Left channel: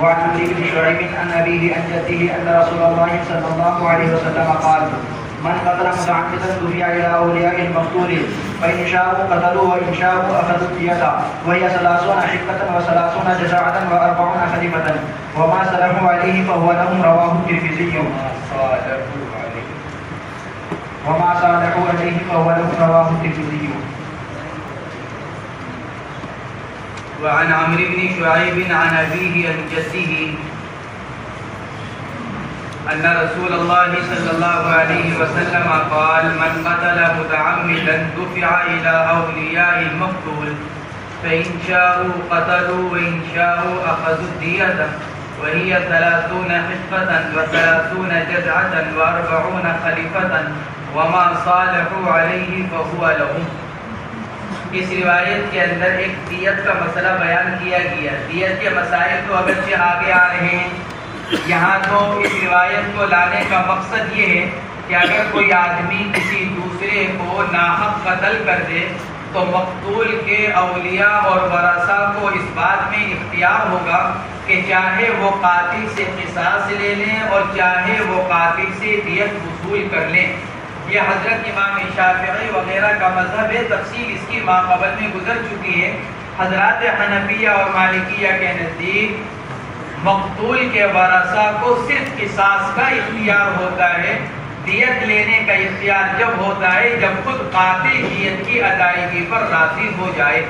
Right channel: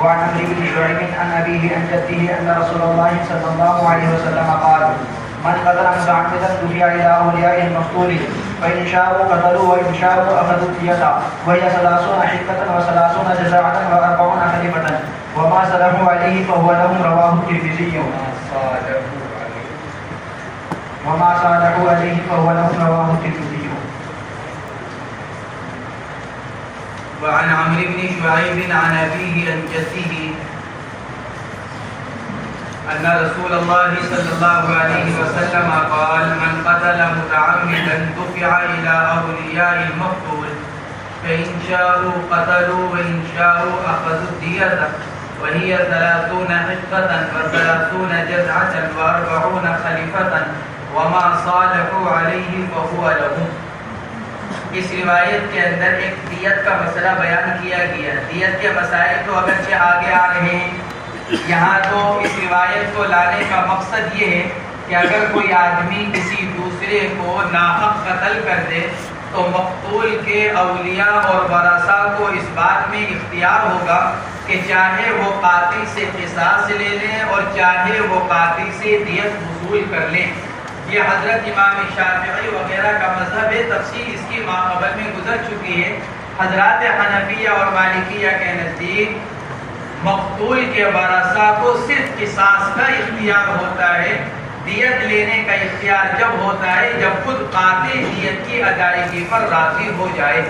وعن عمرو بن شعيب عن أبيه عن جده أن رسول الله صلى الله عليه وسلم قال: من قتل متعمدا دفع إلى أولياء المقتول فإن شاءوا قتلوا وإن شاءوا أخذوا الدية وهي 30 حقة و30 جزاعة و40 خليفة وما سلموا عليه فهو لهم. رواه الترمذي. وما صالحوا عليه فهو لهم. رواه الترمذي. وعن عمرو بن شعيب عن أبيه عن جده أن رسول الله صلى الله عليه وسلم قال: من قتل متعمدا دفع إلى أولياء المقتول فإن شاءوا قتلوا وإن شاءوا أخذوا الدية وهي 30 حقة و30 جزعة و40 خليفة وما صالحوا عليه فهو لهم. اس روایت کے اندر ایک دیت کا مسئلہ بیان کیا گیا. دیت کے مسائل تو اگرچہ آگے آ رہے ہیں، یہاں تو اس روایت کو لانے کا مقصد یہ ہے کہ اگر کوئی آدمی کسی دوسرے کو ناحق قتل کر دے تو مقتول کے اولیاء اور ورثاء کو اس بات میں اختیار ہوگا کہ چاہے وہ قاتل سے قصاص لے لیں اور چاہے وہ قاتل سے دیت وصول کر لیں. یہ حضرت امام شافعی وغیرہ کا مذہب ہے. تفصیل اس کی ماقبل میں گزر چکی ہے. حضرات حنفیہ اور مالکیہ کے نزدیک مقتول کے ورثاء کو صرف قصاص کا اختیار ہوتا ہے. دیت لینے کا اختیار جب ہوتا ہے جب خود قاتل دیت کی ادائیگی پر راضی ہو جائے.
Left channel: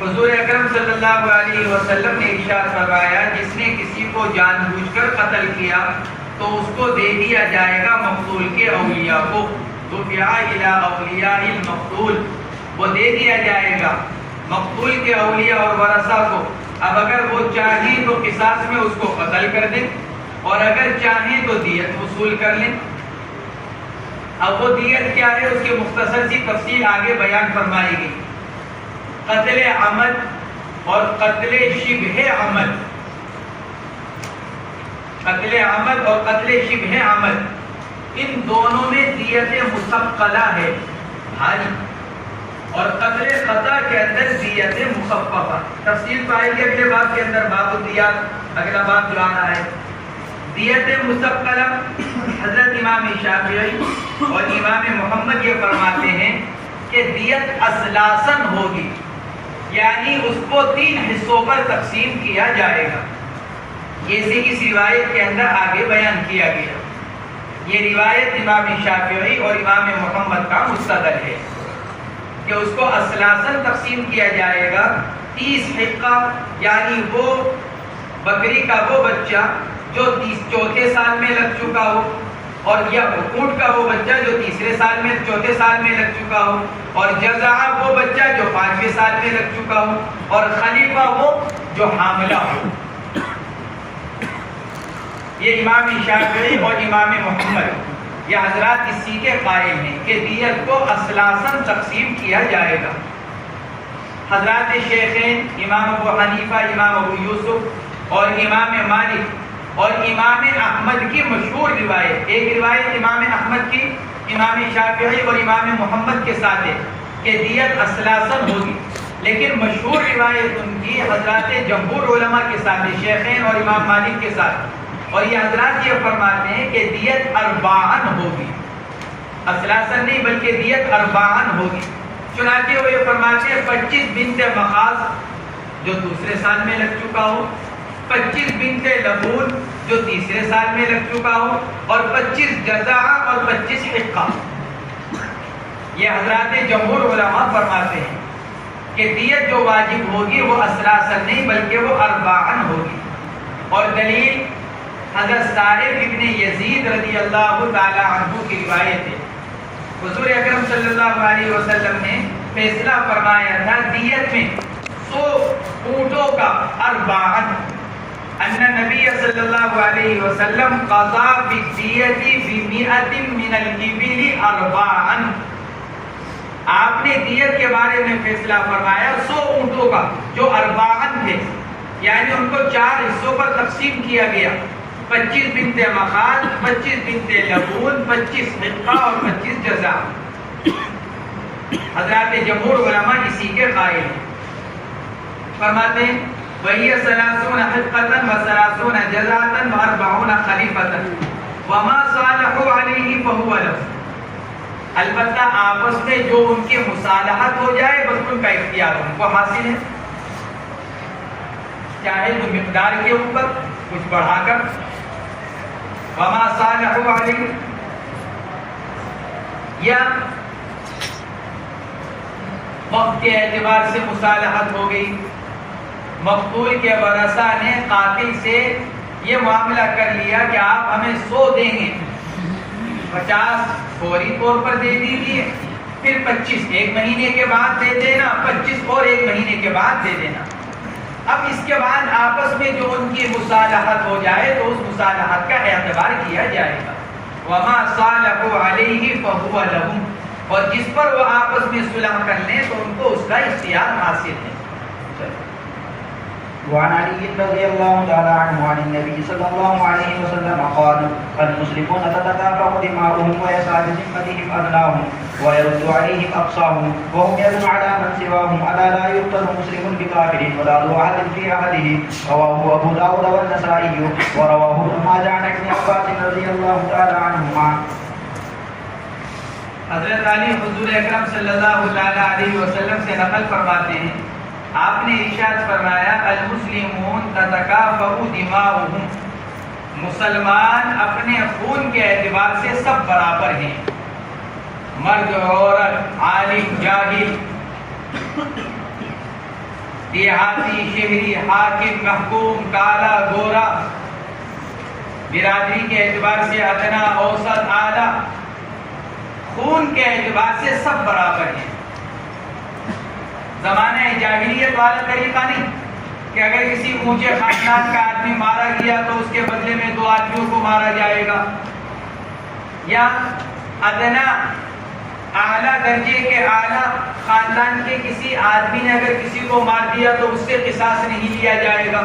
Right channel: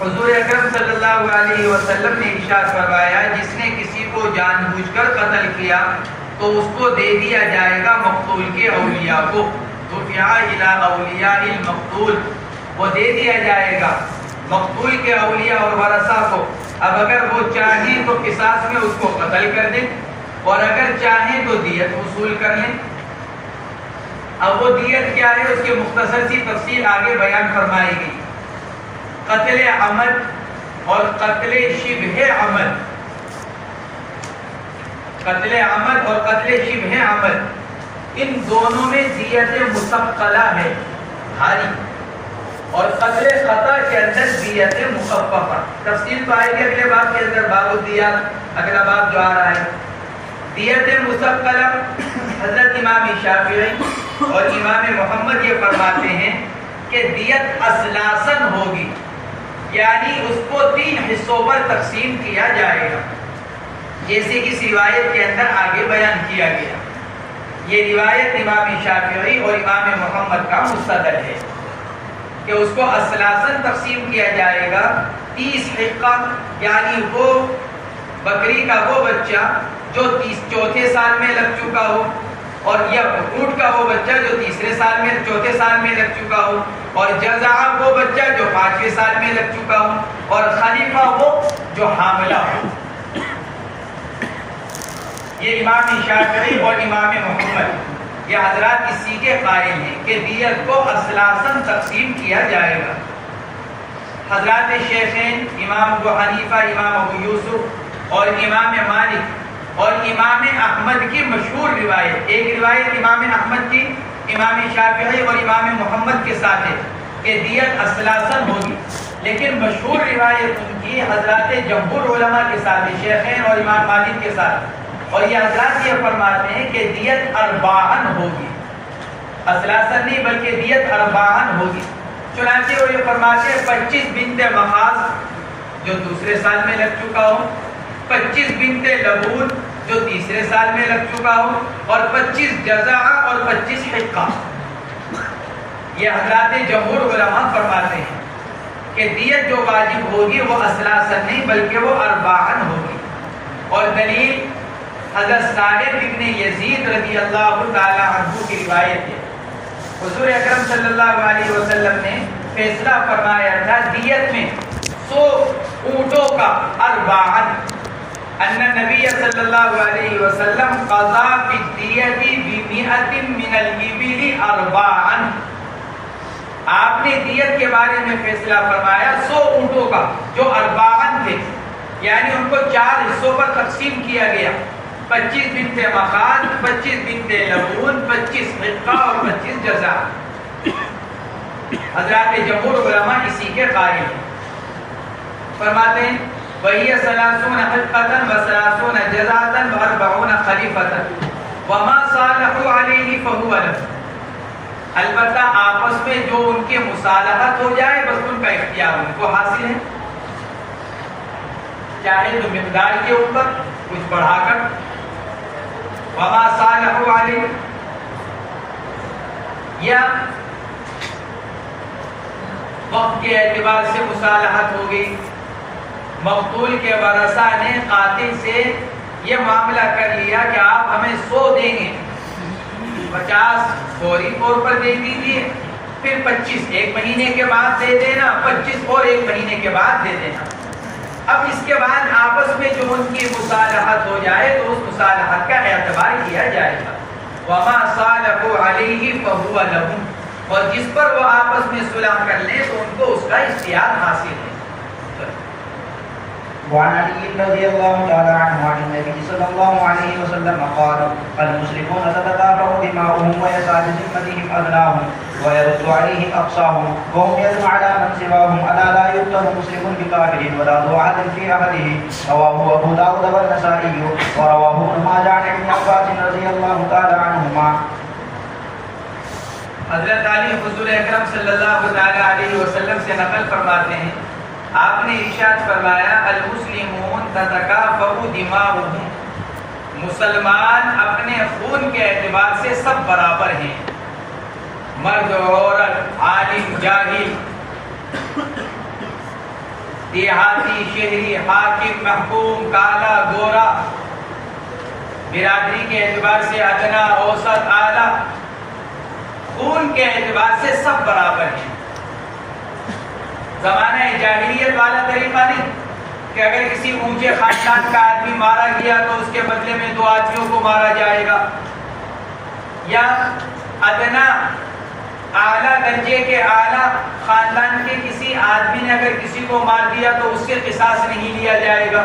حضور اکرم صلی اللہ علیہ وسلم نے ارشاد فرمایا: جس نے کسی کو جان بوجھ کر قتل کیا تو اس کو دے دیا جائے گا مقتول کے اولیاء کو. دفع الی اولیاء المقتول، وہ دے دیا جائے گا مقتول کے اولیاء اور ورثاء کو. اب اگر وہ چاہیں تو قصاص میں اس کو قتل کر دیں اور اگر چاہیں تو دیت وصول کر لیں. اب وہ دیت کیا ہے اس کے مختصر سی تفصیل آگے بیان فرمائی گئی. قتل عمد اور قتل شبہ عمد، قتل عمد اور قتل شبہ عمد، ان دونوں میں دیت مسقلہ ہے، بھاری، اور قتل خطا کے اندر دیت مخففہ. تفصیل تو آئے گی اگلے باب کے اندر، باب الدیات اگلا باب جو آ رہا ہے. دیت مسقلہ حضرت امام شافعی اور امام محمد یہ فرماتے ہیں کہ دیت اثلاثاً ہوگی، یعنی اس کو 3 حصوں پر تقسیم کیا جائے گا، جیسے اس روایت کے اندر آگے بیان کیا گیا. یہ روایت امام شافعی اور امام محمد کا مستدل ہے کہ اس کو اثلاثاً تقسیم کیا جائے گا. 30 حقہ، یعنی وہ بکری کا وہ بچہ جو 4تھے سال میں لگ چکا ہو، اور یا اونٹ کا وہ بچہ جو 3 سال میں 4تھے سال میں لگ چکا ہو، اور جزعہ وہ بچہ جو 5ویں سال میں لگ چکا ہو، اور خلیفہ وہ جو حاملہ ہو. یہ امام شافعی اور امام محمد یہ حضرات اسی کے قائل ہیں کہ دیت کو اثلاثاً تقسیم کیا جائے گا. حضرات شیخین امام ابو حنیفہ، امام ابو یوسف اور امام مالک اور امام احمد کی مشہور روایت، ایک روایت امام احمد کی امام شافعی اور امام محمد کے ساتھ ہے کہ دیت اثلاثاً ہوگی، لیکن مشہور روایت ان کی حضرات جمہور علماء کے ساتھ ہے، شیخین اور امام مالک کے ساتھ. اور یہ حضرات یہ فرماتے ہیں کہ دیت 40 ہوگی، اثلاثاً نہیں بلکہ دیت 40 ہوگی. چنانچہ وہ یہ فرماتے ہیں 25 بنت مخاض جو 2 سال میں لگ چکا ہو، 25 بنت لبون جو 3 سال میں لگ چکا ہو، اور 25 جزعہ اور 25 حقہ. یہ حضرات جمہور علماء فرماتے ہیں کہ دیت جو واجب ہوگی وہ اثلاثاً نہیں بلکہ وہ 40 ہوگی. اور دلیل حضرت صالح ابن یزید رضی اللہ تعالی عنہ کی روایت ہے. حضور اکرم صلی اللہ علیہ وسلم نے فیصلہ فرمایا تھا دیت میں 100 اونٹوں کا 40. ان نبی صلی اللہ علیہ وسلم قضا بالدیت ب100 من الابل 40. آپ نے دیت کے بارے میں فیصلہ فرمایا 100 اونٹوں کا جو 40 تھے، یعنی ان کو 4 حصوں پر تقسیم کیا گیا. 25 بنت مخاض، 25 بنت لبون، 25 حقہ اور 25 جزعہ. حضرات جمہور علماء اسی کے قائل ہیں. فرماتے ہیں وهي 30 حلقة و30 جزعة و40 خلیفة وما صالحوا علیہ فهو له. البتہ آپس میں جو ان کے مصالحت ہو جائے بس ان کا اختیار ان کو حاصل ہے، چاہے تو مقدار کے اوپر کچھ بڑھا کر. وما صالحوا علیہ، یا وقت کے اعتبار سے مصالحت ہو گئی، مقتول کے ورثہ نے قاتل سے یہ معاملہ کر لیا کہ آپ ہمیں 100 دیں گے، 50 فوری طور پر دے دیجیے، پھر 25 ایک مہینے کے بعد دے دینا، 25 اور ایک مہینے کے بعد دے دینا. اب اس کے بعد آپس میں جو ان کی مصالحت ہو جائے تو اس مصالحت کا اعتبار کیا جائے گا. وما صالحوا علیہ فہو لہم، اور جس پر وہ آپس میں صلح کر لیں تو ان کو اس کا اختیار حاصل ہے. وعن علي رضي الله تعالى عنه عن النبي صلى الله عليه وسلم قال المسلمون تتكافأ دماؤهم ويسعى بذمتهم أدناهم ويرد عليهم أقصاهم وهم يد على من سواهم ألا لا يقتل مسلم بكافر ولا ذو عهد في عهده. رواه أبو داود والنسائي ورواه ابن ماجه عن ابن عباس رضي الله تعالى عنهما. حضرت علی حضور اکرم صلی اللہ تعالی علیہ وسلم سے نقل فرماتے ہیں، آپ نے ارشاد فرمایا المسلمون تتکافأ دماؤہم، مسلمان اپنے خون کے اعتبار سے سب برابر ہیں، مرد عورت، عالم جاہل، دیہاتی شہری، حاکم محکوم، کالا گورا، برادری کے اعتبار سے ادنا اوسط اعلیٰ، خون کے اعتبار سے سب برابر ہیں. زمانہ جاہلیت والا طریقہ نہیں کہ اگر کسی اونچے خاندان کا آدمی مارا گیا تو اس کے بدلے میں 2 آدمیوں کو مارا جائے گا، یا ادنا اعلیٰ درجے کے اعلیٰ خاندان کے کسی آدمی نے اگر کسی کو مار دیا تو اس سے قصاص نہیں لیا جائے گا.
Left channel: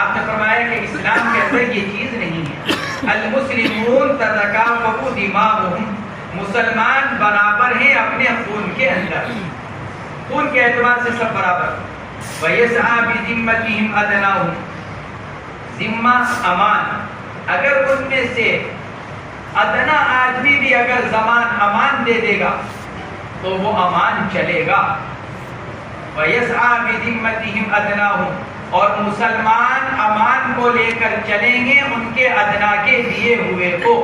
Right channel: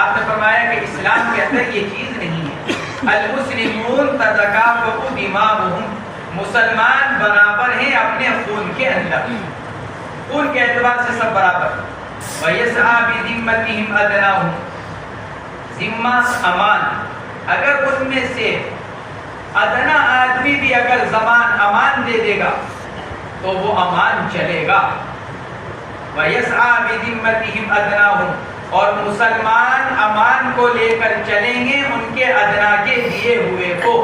آپ نے فرمایا کہ اسلام کے اندر یہ چیز نہیں ہے. المسلمون تتکافأ دماؤہم، مسلمان برابر ہیں اپنے خون کے اندر، خون کے اعتبار سے سب برابر. وَيَسْعَى بِذِمَّتِهِمْ أَدْنَاهُمْ، ذمہ امان، اگر ان میں سے ادنا آدمی بھی اگر امان دے دے گا تو وہ امان چلے گا. وَيَسْعَى بِذِمَّتِهِمْ أَدْنَاهُمْ، اور مسلمان امان کو لے کر چلیں گے ان کے ادنا کے دیے ہوئے کو.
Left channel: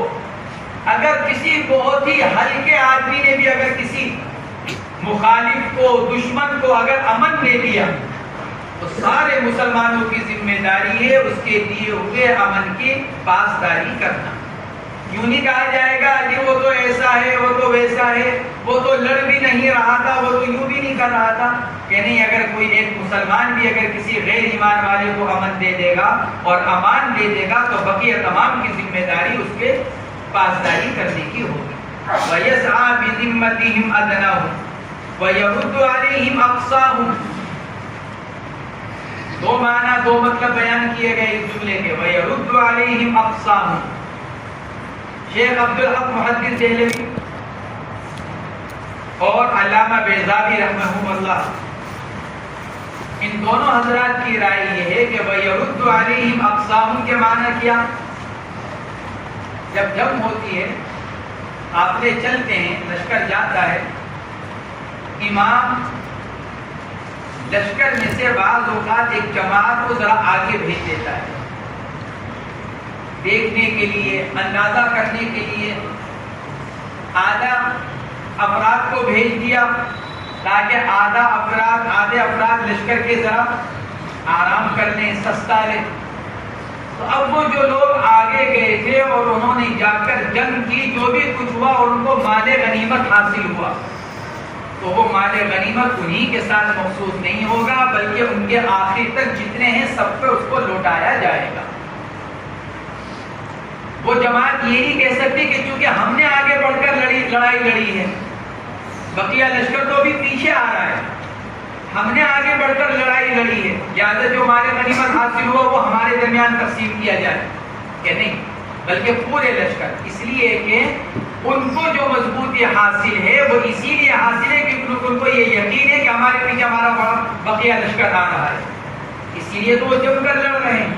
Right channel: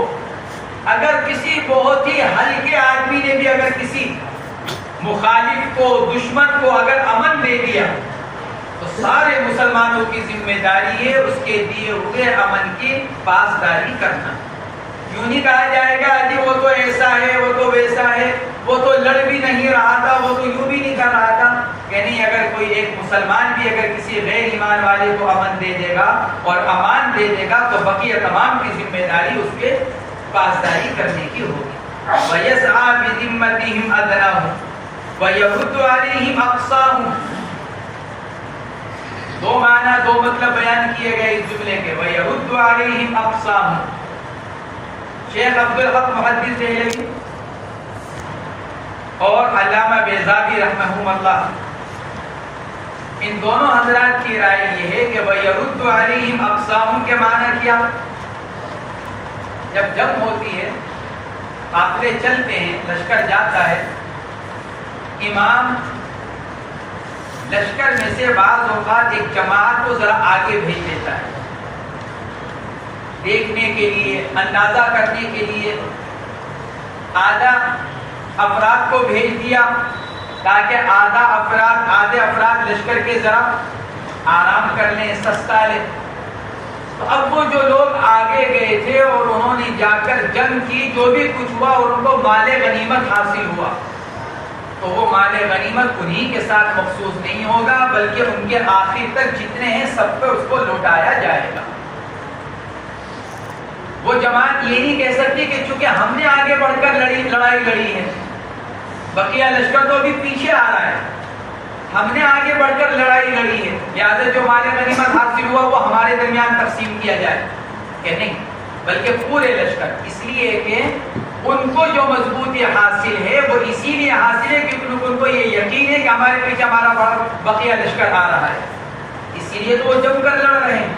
اگر کسی بہت ہی ہلکے آدمی نے بھی اگر کسی مخالف کو، دشمن کو اگر امن دے دیا تو سارے مسلمانوں کی ذمہ داری ہے اس کے دیے ہوئے امن کی پاسداری کرنا. یوں نہیں کہا جائے گا جی وہ تو ایسا ہے، وہ تو ویسا ہے، وہ تو لڑ بھی نہیں رہا تھا، وہ تو یوں بھی نہیں کر رہا تھا. کہ نہیں، اگر کوئی ایک مسلمان بھی اگر کسی غیر ایمان والے کو امن دے دے گا اور امان دے دے گا تو بقیہ تمام کی ذمہ داری اس کے پاسداری کرنے کی ہوگی. وَيَسْعَى بِذِمَّتِهِمْ أَدْنَاهُمْ وَيَرُدُّ عَلَيْهِمْ أَقْصَاهُمْ. 2 معنی 2 مطلب بیان کیے گئے اس جملے کے. وَيَرُدُّ عَلَيْهِمْ أَقْصَاهُمْ. شیخ عبدالحق محدث دہلوی اور علامہ بیضاوی رحمہم اللہ، ان دونوں حضرات کی رائے یہ ہے کہ وَيَرُدُّ عَلَيْهِمْ أَقْصَاهُمْ کے معنی کیا؟ جب جنگ ہوتی ہے، قافلے چلتے ہیں، لشکر جاتا ہے، امام لشکر میں سے بعض اوقات ایک جماعت کو ذرا آگے بھیج دیتا ہے، دیکھنے کے لیے، اندازہ کرنے کے لیے. آدھا افراد کو بھیج دیا تاکہ آدھے افراد لشکر کے ذرا آرام کر لیں، سستا لیں. تو اب وہ جو لوگ آگے گئے تھے اور انہوں نے جا کر جنگ کی، جو بھی کچھ ہوا اور ان کو مال غنیمت حاصل ہوا، تو وہ مال غنیمت انہی کے ساتھ مخصوص نہیں ہوگا بلکہ ان کے آخر تک جتنے ہیں سب پہ اس کو لوٹایا جائے گا. وہ جماعت یہ نہیں کہہ سکتی کہ چونکہ ہم نے آگے بڑھ کر لڑائی لڑی ہے، بقیہ لشکر تو ابھی پیچھے آ رہا ہے، ہم نے آگے بڑھ کر لڑائی لڑی ہے، لہٰذا جو مال غنیمت حاصل ہوا وہ ہمارے درمیان تقسیم کیا جائے. کہ نہیں، بلکہ پورے لشکر. اس لیے کہ ان کو جو مضبوطی حاصل ہے وہ اسی لیے حاصل ہے کہ ان کو یہ یقین ہے کہ ہمارے پیچھے ہمارا بقیہ لشکر آ رہا ہے. اس اسی لیے تو وہ جم کر لڑ رہے ہیں.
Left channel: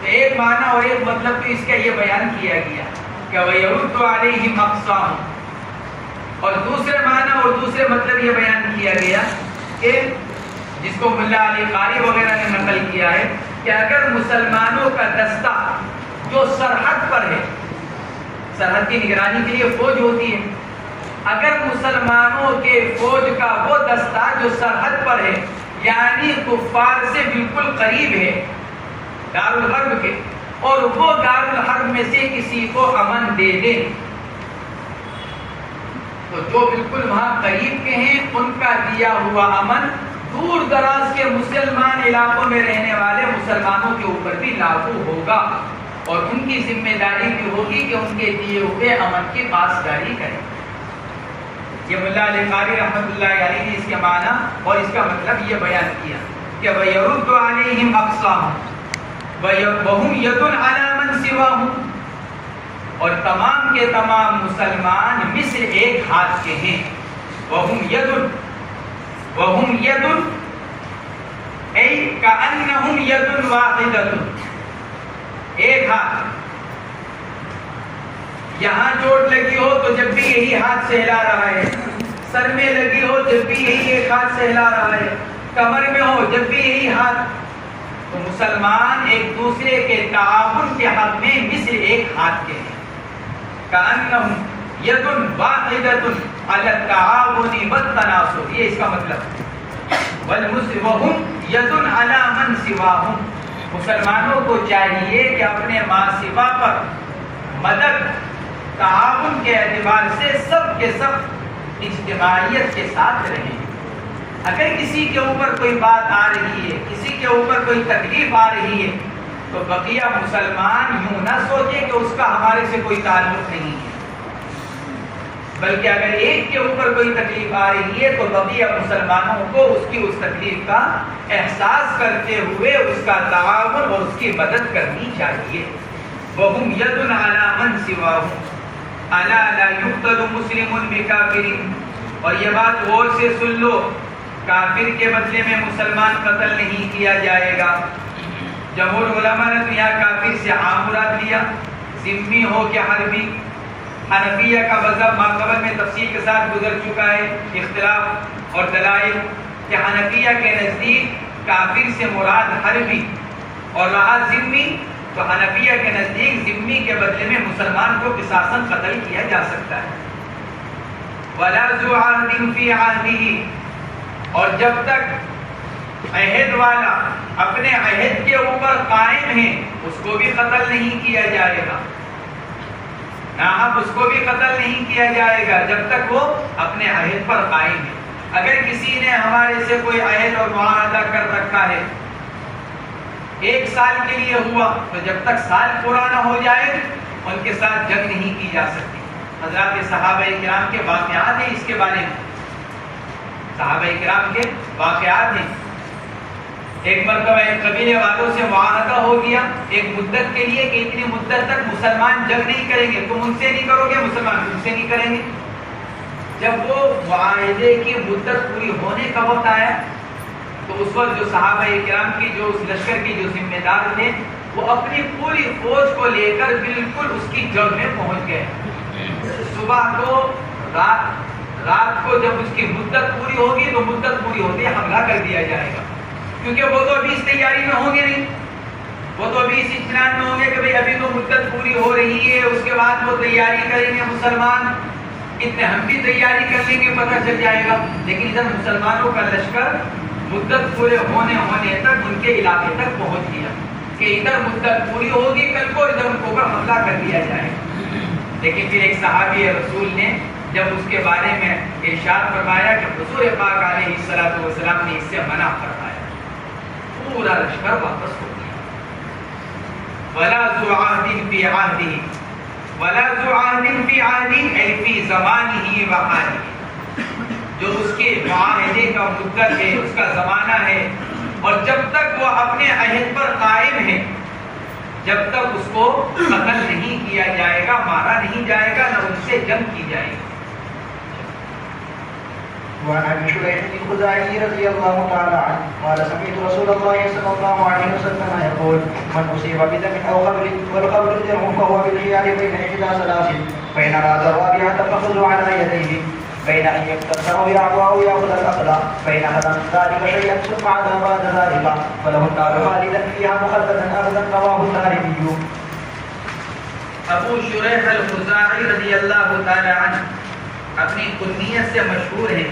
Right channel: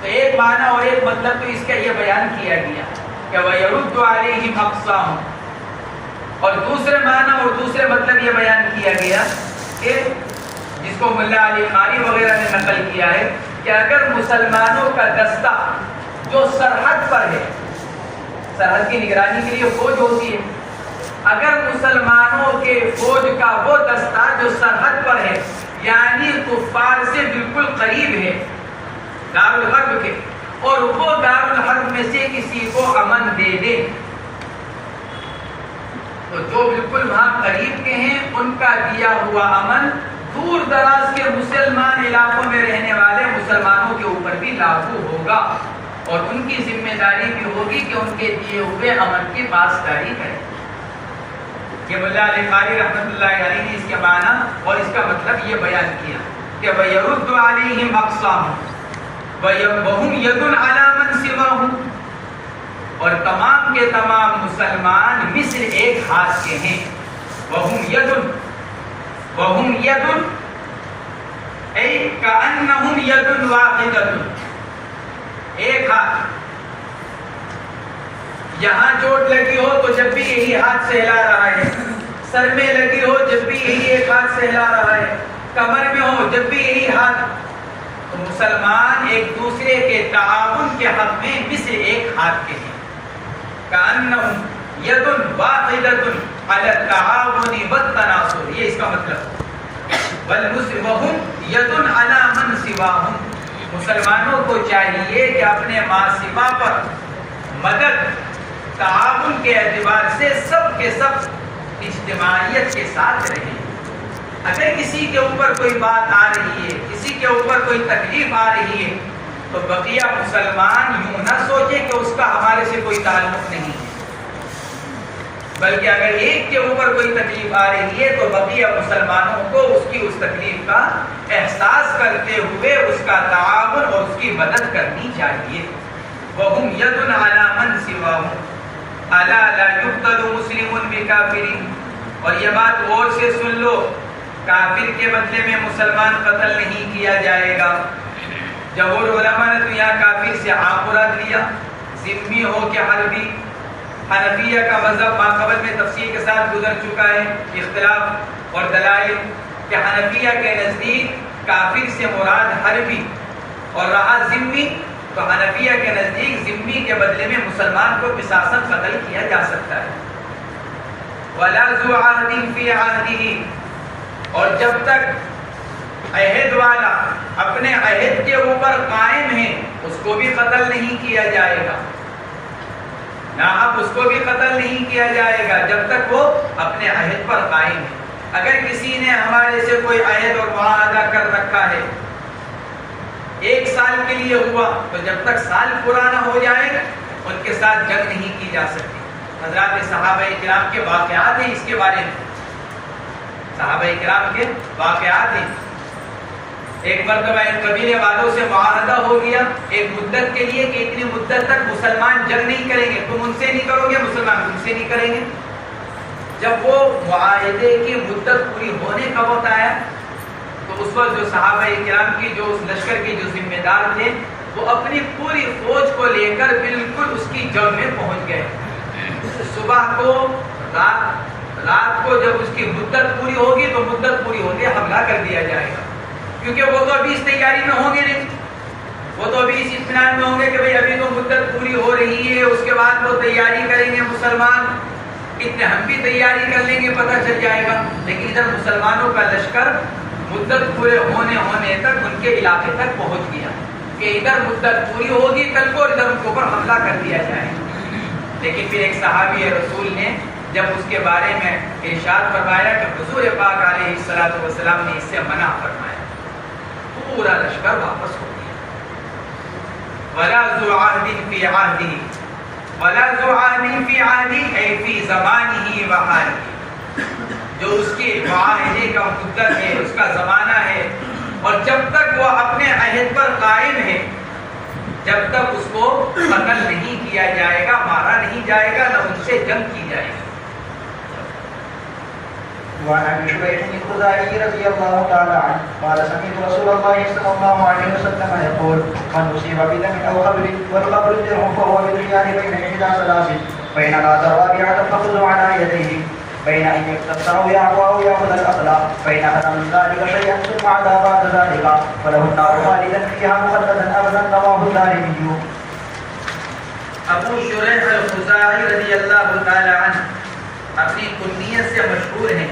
تو ایک معنی اور ایک مطلب تو اس کا یہ بیان کیا گیا کہ وَيَرُدُّ عَلَيْهِمْ أَقْصَاهُمْ، اور دوسرے معنی اور دوسرے مطلب یہ بیان کیا گیا کہ جس کو ملا علی قاری وغیرہ نے نقل کیا ہے کہ اگر مسلمانوں کا دستہ جو سرحد پر ہے، سرحد کی نگرانی کے لیے فوج ہوتی ہے، اگر مسلمانوں کے فوج کا وہ دستہ جو سرحد پر ہے یعنی کفار سے بالکل قریب ہے دار الحرب کے، اور وہ دار الحرب میں سے کسی کو امن دے دے، تو جو بالکل وہاں قریب کے ہیں ان کا دیا ہوا امن دور دراز کے مسلمان علاقوں میں رہنے والے مسلمانوں کے اوپر بھی لاگو ہوگا، اور ان کی ذمہ داری بھی ہوگی کہ ان کے دیے ہوئے امن کی پاسداری کریں. یہ ملا علی قاری رحمۃ اللہ علیہ نے اس کے معنی اور اس کا مطلب یہ بیان کیا کہ وَيَرُدُّ عَلَيْهِمْ أَقْصَاهُمْ وَهُمْ يَدٌ عَلَى مَنْ سِوَاهُمْ، اور تمام کے تمام مسلمان مثل ایک ہاتھ کے ہیں. وَهُمْ يَدٌ أي كأنهم يد واحدة، ایک ہاتھ. یہاں چوٹ لگی ہو تو جب بھی یہی ہاتھ سہلا رہا ہے، سر میں لگی ہو جب بھی یہی ایک ہاتھ سہلا رہا ہے، کمر میں ہو جب بھی یہی ہاتھ. تو مسلمان ایک دوسرے کے تعاون کے حق میں مثل ایک ہاتھ کے ہیں. كأنهم يد واحدة على التعاون والتناصر، یہ اس کا مطلب. وَهُمْ يَدٌ عَلَى مَنْ سِوَاهُمْ، مسلمانوں کو چاہیے کہ اپنے ما سوا پر مدد تعاون کے اعتبار سے سب کے سب اجتماعیت کے ساتھ رہیں. اگر کسی کے اوپر کوئی بات آ رہی ہے، کسی کے اوپر کوئی تکلیف آ رہی ہے، تو بقیہ مسلمان یوں نہ سوچے کہ اس کا ہمارے سے کوئی تعلق نہیں ہے، بلکہ اگر ایک کے اوپر کوئی تکلیف آ رہی ہے تو بقیہ مسلمانوں کو اس کی اس تکلیف کا احساس کرتے ہوئے اس کا تعاون اور اس کی مدد کرنی چاہیے. وَهُمْ يَدٌ عَلَى مَنْ سِوَاهُمْ أَلَا لَا يُقْتَلُ مُسْلِمٌ بِكَافِرٍ، اور یہ بات غور سے سن لو، کافر کے بدلے میں مسلمان قتل نہیں کیا جائے گا. جمہور علماء نے تو یہاں کافر سے عام مراد لیا، ذمی ہو کہ حربی. حنفیہ کا مذہب ماقبل میں تفصیل کے ساتھ گزر چکا ہے، اختلاف اور دلائل، کہ حنفیہ کے نزدیک کافر سے مراد حربی اور رہا ذمی، تو حنفیہ کے نزدیک ذمی کے بدلے میں مسلمان کو قصاصاً قتل کیا جا سکتا ہے. وَلَا ذُو عَهْدٍ فِي عَهْدِهِ، اور جب تک عہد والا اپنے عہد کے اوپر قائم ہے اس کو بھی قتل نہیں کیا جائے گا. اب اس کو بھی قتل نہیں کیا جائے گا جب تک وہ اپنے عہد پر قائم ہے. اگر کسی نے ہمارے سے کوئی عہد اور معاہدہ کر رکھا ہے، 1 سال کے لیے ہوا، تو جب تک سال پورا نہ ہو جائے ان کے ساتھ جنگ نہیں کی جا سکتی. حضرات صحابہ کرام کے واقعات ہیں اس کے بارے میں، صحابہ کرام کے واقعات ہیں. ایک مرتبہ ان قبیلے والوں سے معاہدہ ہو گیا ایک مدت کے لیے کہ اتنی مدت تک مسلمان جنگ نہیں کریں گے، تم ان سے نہیں کرو گے، مسلمان تم سے نہیں کریں گے. جب وہ معاہدے کی مدت پوری ہونے کا وقت آیا تو اس وقت جو صحابہ کرام کی جو اس لشکر کے جو ذمہ دار تھے وہ اپنی پوری فوج کو لے کر بالکل اس کی جنگ میں پہنچ گئے. صبح کو رات کو جب اس کی مدت پوری ہوگی تو مدت پوری ہوتے حملہ کر دیا جائے گا، کیونکہ وہ تو ابھی اس تیاری میں ہوں گے نہیں، وہ تو ابھی اس اطمینان میں ہوں گے کہ بھئی ابھی تو مدت پوری ہو رہی ہے، اس کے بعد وہ تیاری کریں گے مسلمان، اتنے ہم بھی تیاری کر لیں گے پتہ چل جائے گا. لیکن ادھر مسلمانوں کا لشکر مدت پورے ہونے تک ان کے علاقے تک پہنچ گیا کہ ادھر مدت پوری ہوگی کل کو ادھر ان کے اوپر حملہ کر دیا جائے. لیکن پھر ایک صحابی رسول نے جب اس کے بارے میں ارشاد فرمایا کہ حضور پاک علیہ السلام نے اس سے منع فرمایا، پورا لشکر واپس ہو گیا. وَلَا ذُو عَهْدٍ فِي عَهْدِهِ وَلَا ذُو عَهْدٍ فِي عَهْدِهِ أي فِي زَمَانِهِ وَحَالِهِ، جو اس کے معاہدے کا مدت ہے، اس کا زمانہ ہے، اور جب تک وہ اپنے عہد پر قائم ہے جب تک اس کو قتل نہیں کیا جائے گا، مارا نہیں جائے گا، نہ ان سے جنگ کی جائے گی. وعن ابي شريح الخزاعي رضي الله تعالى عنه قال سمعت رسول الله صلى الله عليه وسلم يقول من اصيب بدم او قبل والقبر الدرع فهو بالخيار بين احدى ثلاث فان اراد الرابعه فخذوا على يديه بين ان يقتص او يعفو او ياخذ الاخلاق فان اخذ من ذلك شيئا ثم عدا بعد ذلك فله النار خالدا فيها مخلدا ابدا رواه الدارمي. ابو شریح الخزاعی رضی اللہ تعالی عنہ اپنی کنیت سے مشہور ہیں.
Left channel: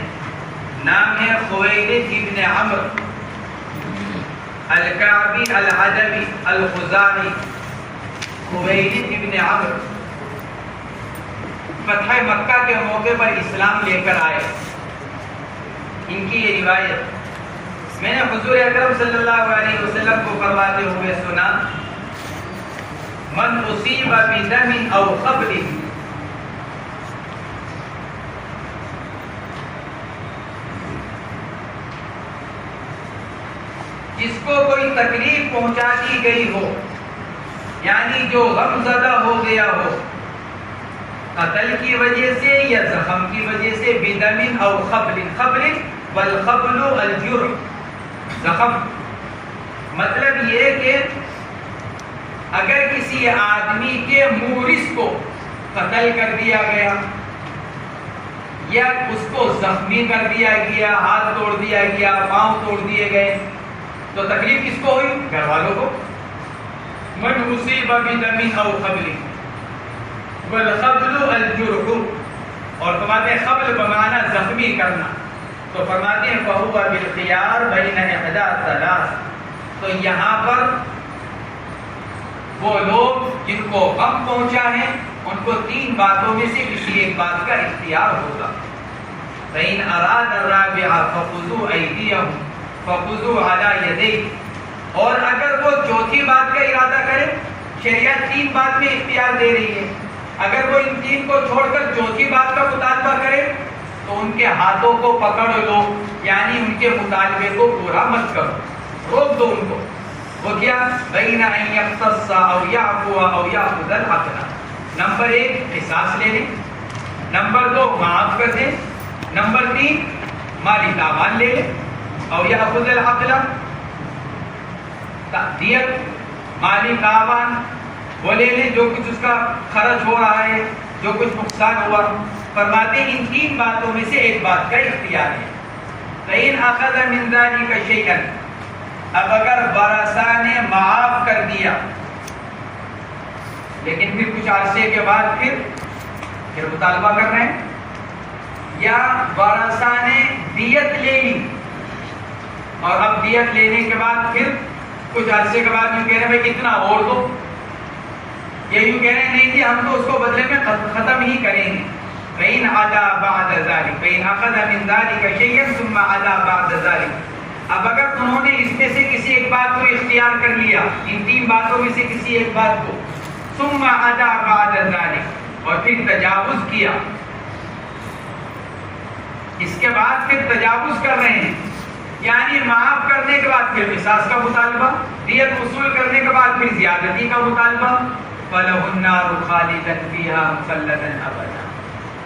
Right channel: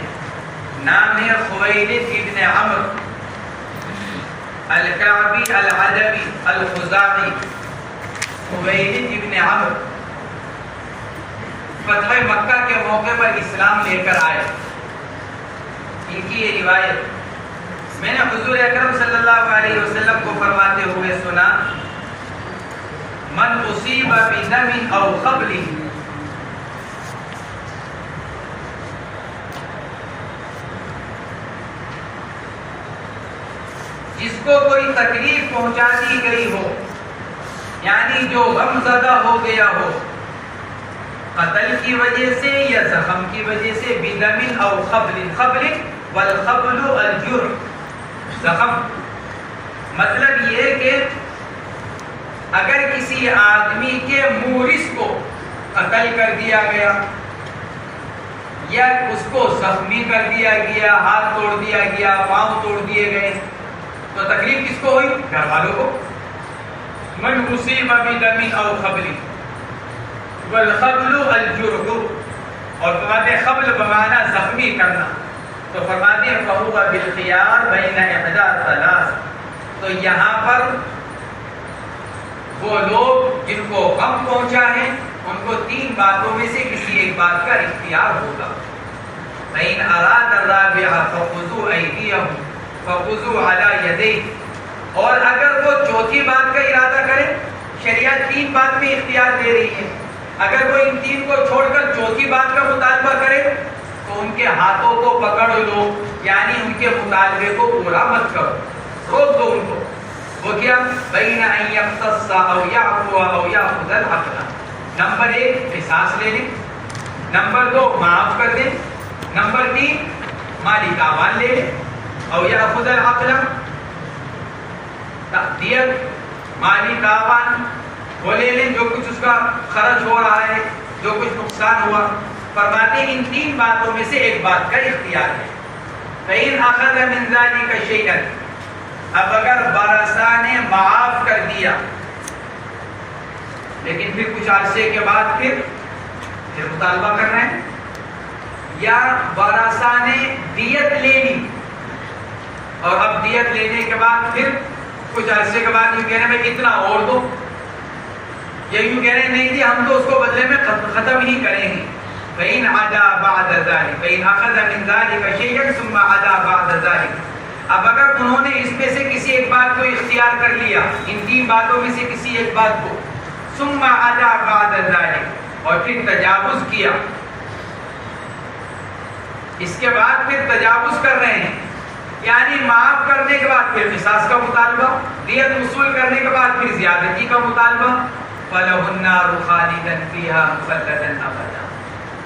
نام ہے خویلد ابن عمرو الکعبی العدوی الخزاعی. خویلد ابن عمرو فتح مکہ کے موقع پر اسلام لے کر آئے. ان کی یہ روایت میں نے حضور اکرم صلی اللہ علیہ وسلم کو فرماتے ہوئے سنا من اصیب بدم او قبل جس کو کوئی تکلیف پہنچا دی گئی ہو یعنی جو غم زدہ ہو گیا ہو قتل کی وجہ سے یا زخم کی وجہ سے بدم او قبل قبل والقبل الجرح زخم مطلب یہ کہ اگر کسی آدمی کے مورث کو قتل کر دیا گیا یا اس کو زخمی کر دیا گیا ہاتھ توڑ دیا گیا پاؤں توڑ دیے گئے تو تکلیف کس کو ہوئی؟ گھر والوں کو. من اصیب بدم او قبل والقبل الجرح اور فرماتے ہیں قبل بمعنی زخمی کرنا تو فرماتے ہیں فہو بالخیار بین احدی ثلاث. تو یہاں پر وہ لوگ جن کو غم پہنچا ہے ان کو تین باتوں میں سے کسی ایک بات کا اختیار ہوگا. فَإِنْ أَرَادَ الرَّابِعَ فَخُذُوا أَيْدِيَهُمْ فَخُذُوا عَلَى يَدَيْهِ. اور اگر وہ چوتھی بات کا ارادہ کرے شریعت تین بات میں اختیار دے رہی ہے. اگر وہ ان تین کو چھوڑ کر چوتھی بات کا مطالبہ کرے تو ان کے ہاتھوں کو پکڑ لو یعنی ان کے مطالبے کو پورا مت کرو روک دو ان کو. وہ کیا؟ بین ان یقتص او یعفو او یاخذ العقل. نمبر 1 قصاص لے لیں. نمبر 2 معاف کر دیں. نمبر 3 مالی تاوان لے لیں. او یاخذ العقل دیت مالی تاوان وہ لے لیں جو کچھ اس کا خرچ ہو رہا ہے جو کچھ نقصان ہوا. فرماتے ہیں ان تین باتوں میں سے ایک بات کا اختیار ہے. فإن أخذ من ذلك شيئا اب اگر وارثہ نے معاف کر دیا لیکن پھر کچھ عرصے کے بعد پھر مطالبہ کرنا ہے یا وارثہ نے دیت لے لی اور اب دیت لینے کے بعد پھر کچھ عرصے کے بعد یوں کہہ رہے ہیں بھائی اتنا اور دو یا یوں کہہ رہے ہیں نہیں جی ہم تو اس کو بدلے میں ختم ہی کریں گے. فإن عدا بعد ذلك فإن أخذ من ذلك شيئا ثم عدا بعد ذلك. اب اگر انہوں نے اس میں سے کسی ایک بات کو اختیار کر لیا ان تین باتوں میں سے کسی ایک بات کو ثم عدا بعد ذلك اور پھر تجاوز کیا اس کے بعد پھر تجاوز کر رہے ہیں یعنی معاف کرنے کے بعد پھر قصاص کا مطالبہ دیت وصول کرنے کے بعد پھر زیادتی کا مطالبہ فَلَهُ النَّارُ خَالِدًا فِيهَا مُخَلَّدًا أَبَدًا.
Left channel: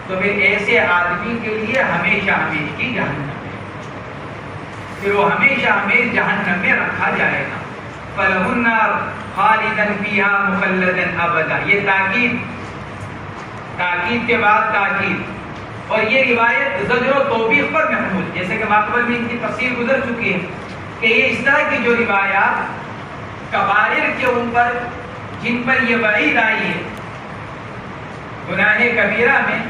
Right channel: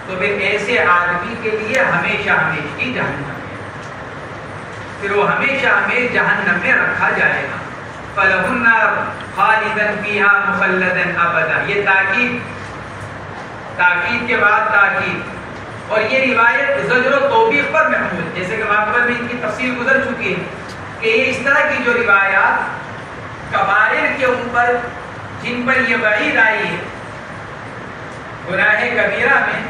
تو پھر ایسے آدمی کے لیے ہمیشہ ہمیشہ کی جہنم ہے پھر وہ ہمیشہ ہمیشہ جہنم میں رکھا جائے گا. فَلَهُ النَّارُ خَالِدًا فِيهَا مُخَلَّدًا أَبَدًا. یہ تاکید کے بعد تاکید اور یہ روایت زجر و توبیخ پر محمول جیسے کہ ماقبل میں ان کی تفصیل گزر چکی ہے کہ یہ اس طرح کی جو روایات کبائر کے اوپر جن پر یہ وعید آئی ہے گناہ کبیرہ میں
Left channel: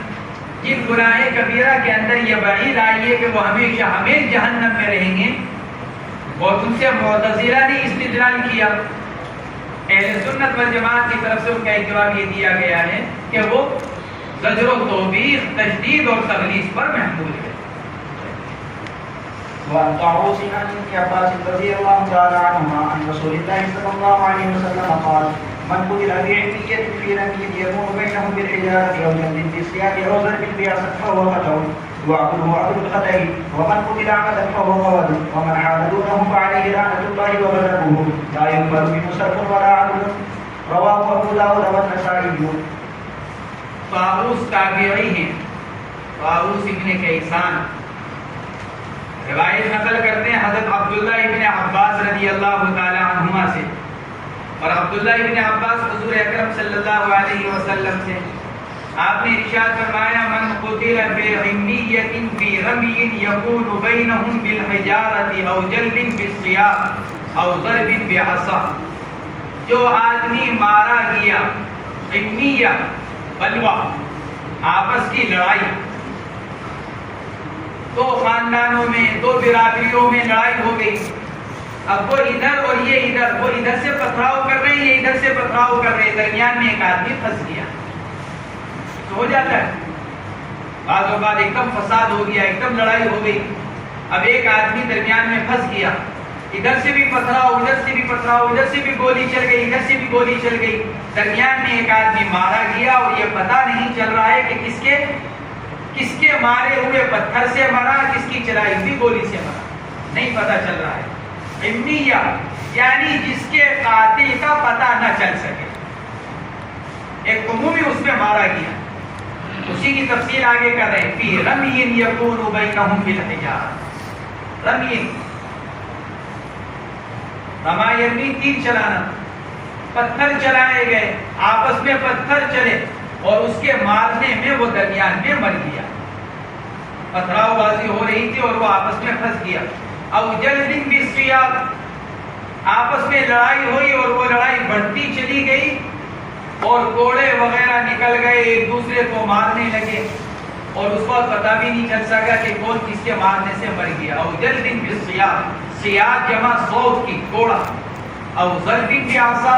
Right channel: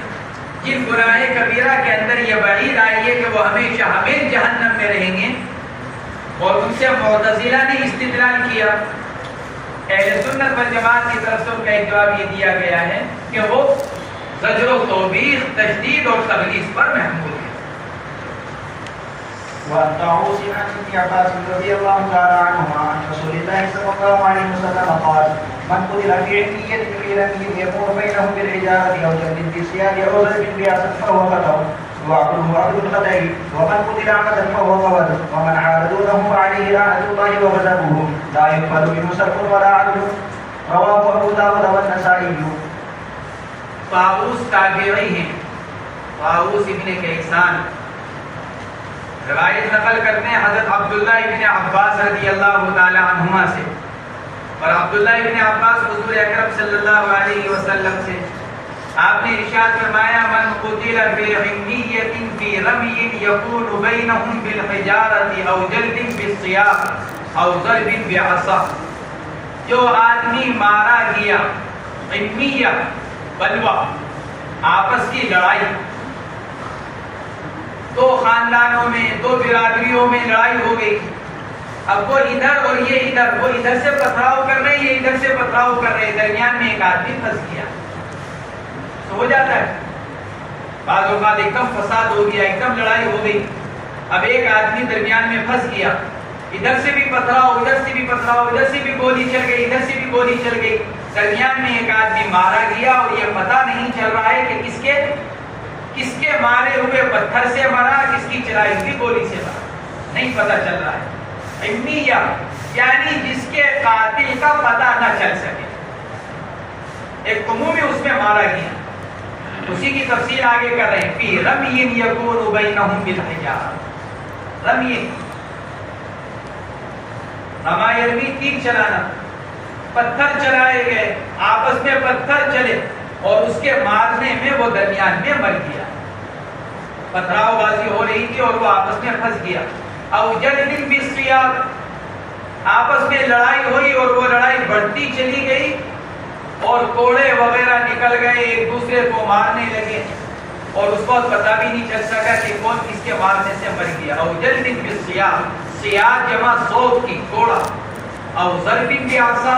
جن گناہ کبیرہ کے اندر یہ وعید آئی ہے کہ وہ ہمیشہ ہمیشہ جہنم میں رہیں گے اور ان سے معتزلہ نے استدلال کیا. اہل سنت والجماعت کی طرف سے ان کا ایک جواب یہ دیا گیا ہے کہ وہ زجر و توبیخ تشدید اور تغلیظ پر محمول ہے. وعن طاووس عن ابن عباس رضي الله تعالى عنهما عن رسول الله صلى الله عليه وسلم قال من قتل في علمية في رمي يكون بينهم بالحجارة أو جلد بالسياج أو زلد بأسد فهو خطأ وعقله عقد الخطأ ومن قتل عمدا فهو قول ومن حال دونه فعليه لعنة الله وغضبه لا يقبل منه صرف ولا عدل رواه أبو داود والنسائي. طاووس تابعی ہیں طاووس ابن کیسان روایت نقل کرتے ہیں حضرت عبداللہ ابن عباس رضی اللہ تعالی عنہما سے، اور عبداللہ ابن عباس حضور اکرم صلی اللہ علیہ وسلم سے آپ نے ارشاد فرمایا من قتل بعمیۃ فی رمی یکون بینہم بالحجارۃ او جلد بالسیاط او ضرب بعصا، جو آدمی مارا گیا عمیہ بلوہ آپس کی لڑائی، دو خاندانوں میں دو برادریوں میں لڑائی ہو گئی، اب وہ ادھر اور یہ ادھر، وہ ادھر سے پتھراؤ کر رہے ہیں یہ ادھر سے پتھراؤ کر رہے ہیں، درمیان میں ایک آدمی پھنس گیا تو ہو جاتا ہے بعض اوقات ایک دم فساد ہو گیا، ایک دم لڑائی ہو گئی، اب ایک آدمی درمیان میں پھنس گیا، ادھر سے بھی پتھراؤ ادھر سے بھی پتھراؤ، ادھر سے بھی گولی چل گئی ادھر سے بھی گولی چل گئی، درمیان میں ایک آدمی مارا گیا اور یہ پتہ نہیں چل رہا ہے کہ کس کے مارے ہوئے پتھر سے مرا، کس کی چلائی ہوئی گولی سے مرا، نہیں پتہ چل رہا ہے۔ عمیہ یعنی جس کے قاتل کا پتہ نہ چل سکے، ایک عمومی اس میں مارا گیا، اسی کی تفصیل آگے کر رہے ہیں فی رمی یکون بینہم بالحجارۃ، رمی رما یرمی تیر چلانا، پتھر چلائے گئے، آپس میں پتھر چلے اور اس کے مارنے میں وہ درمیان میں مر گیا، پتھراؤ بازی ہو رہی تھی اور وہ آپس میں پھنس گیا، او جلد بالسیاط، آپس میں لڑائی ہوئی اور وہ لڑائی بڑھتی چلی گئی اور کوڑے وغیرہ نکل گئے، ایک دوسرے کو مارنے لگے اور اس وقت پتہ بھی نہیں چل سکا کہ کون کس کے مارنے سے مر گیا، او جلد بالسیاط، سیاط جمع صوت کی کوڑا، او ضرب بعصا،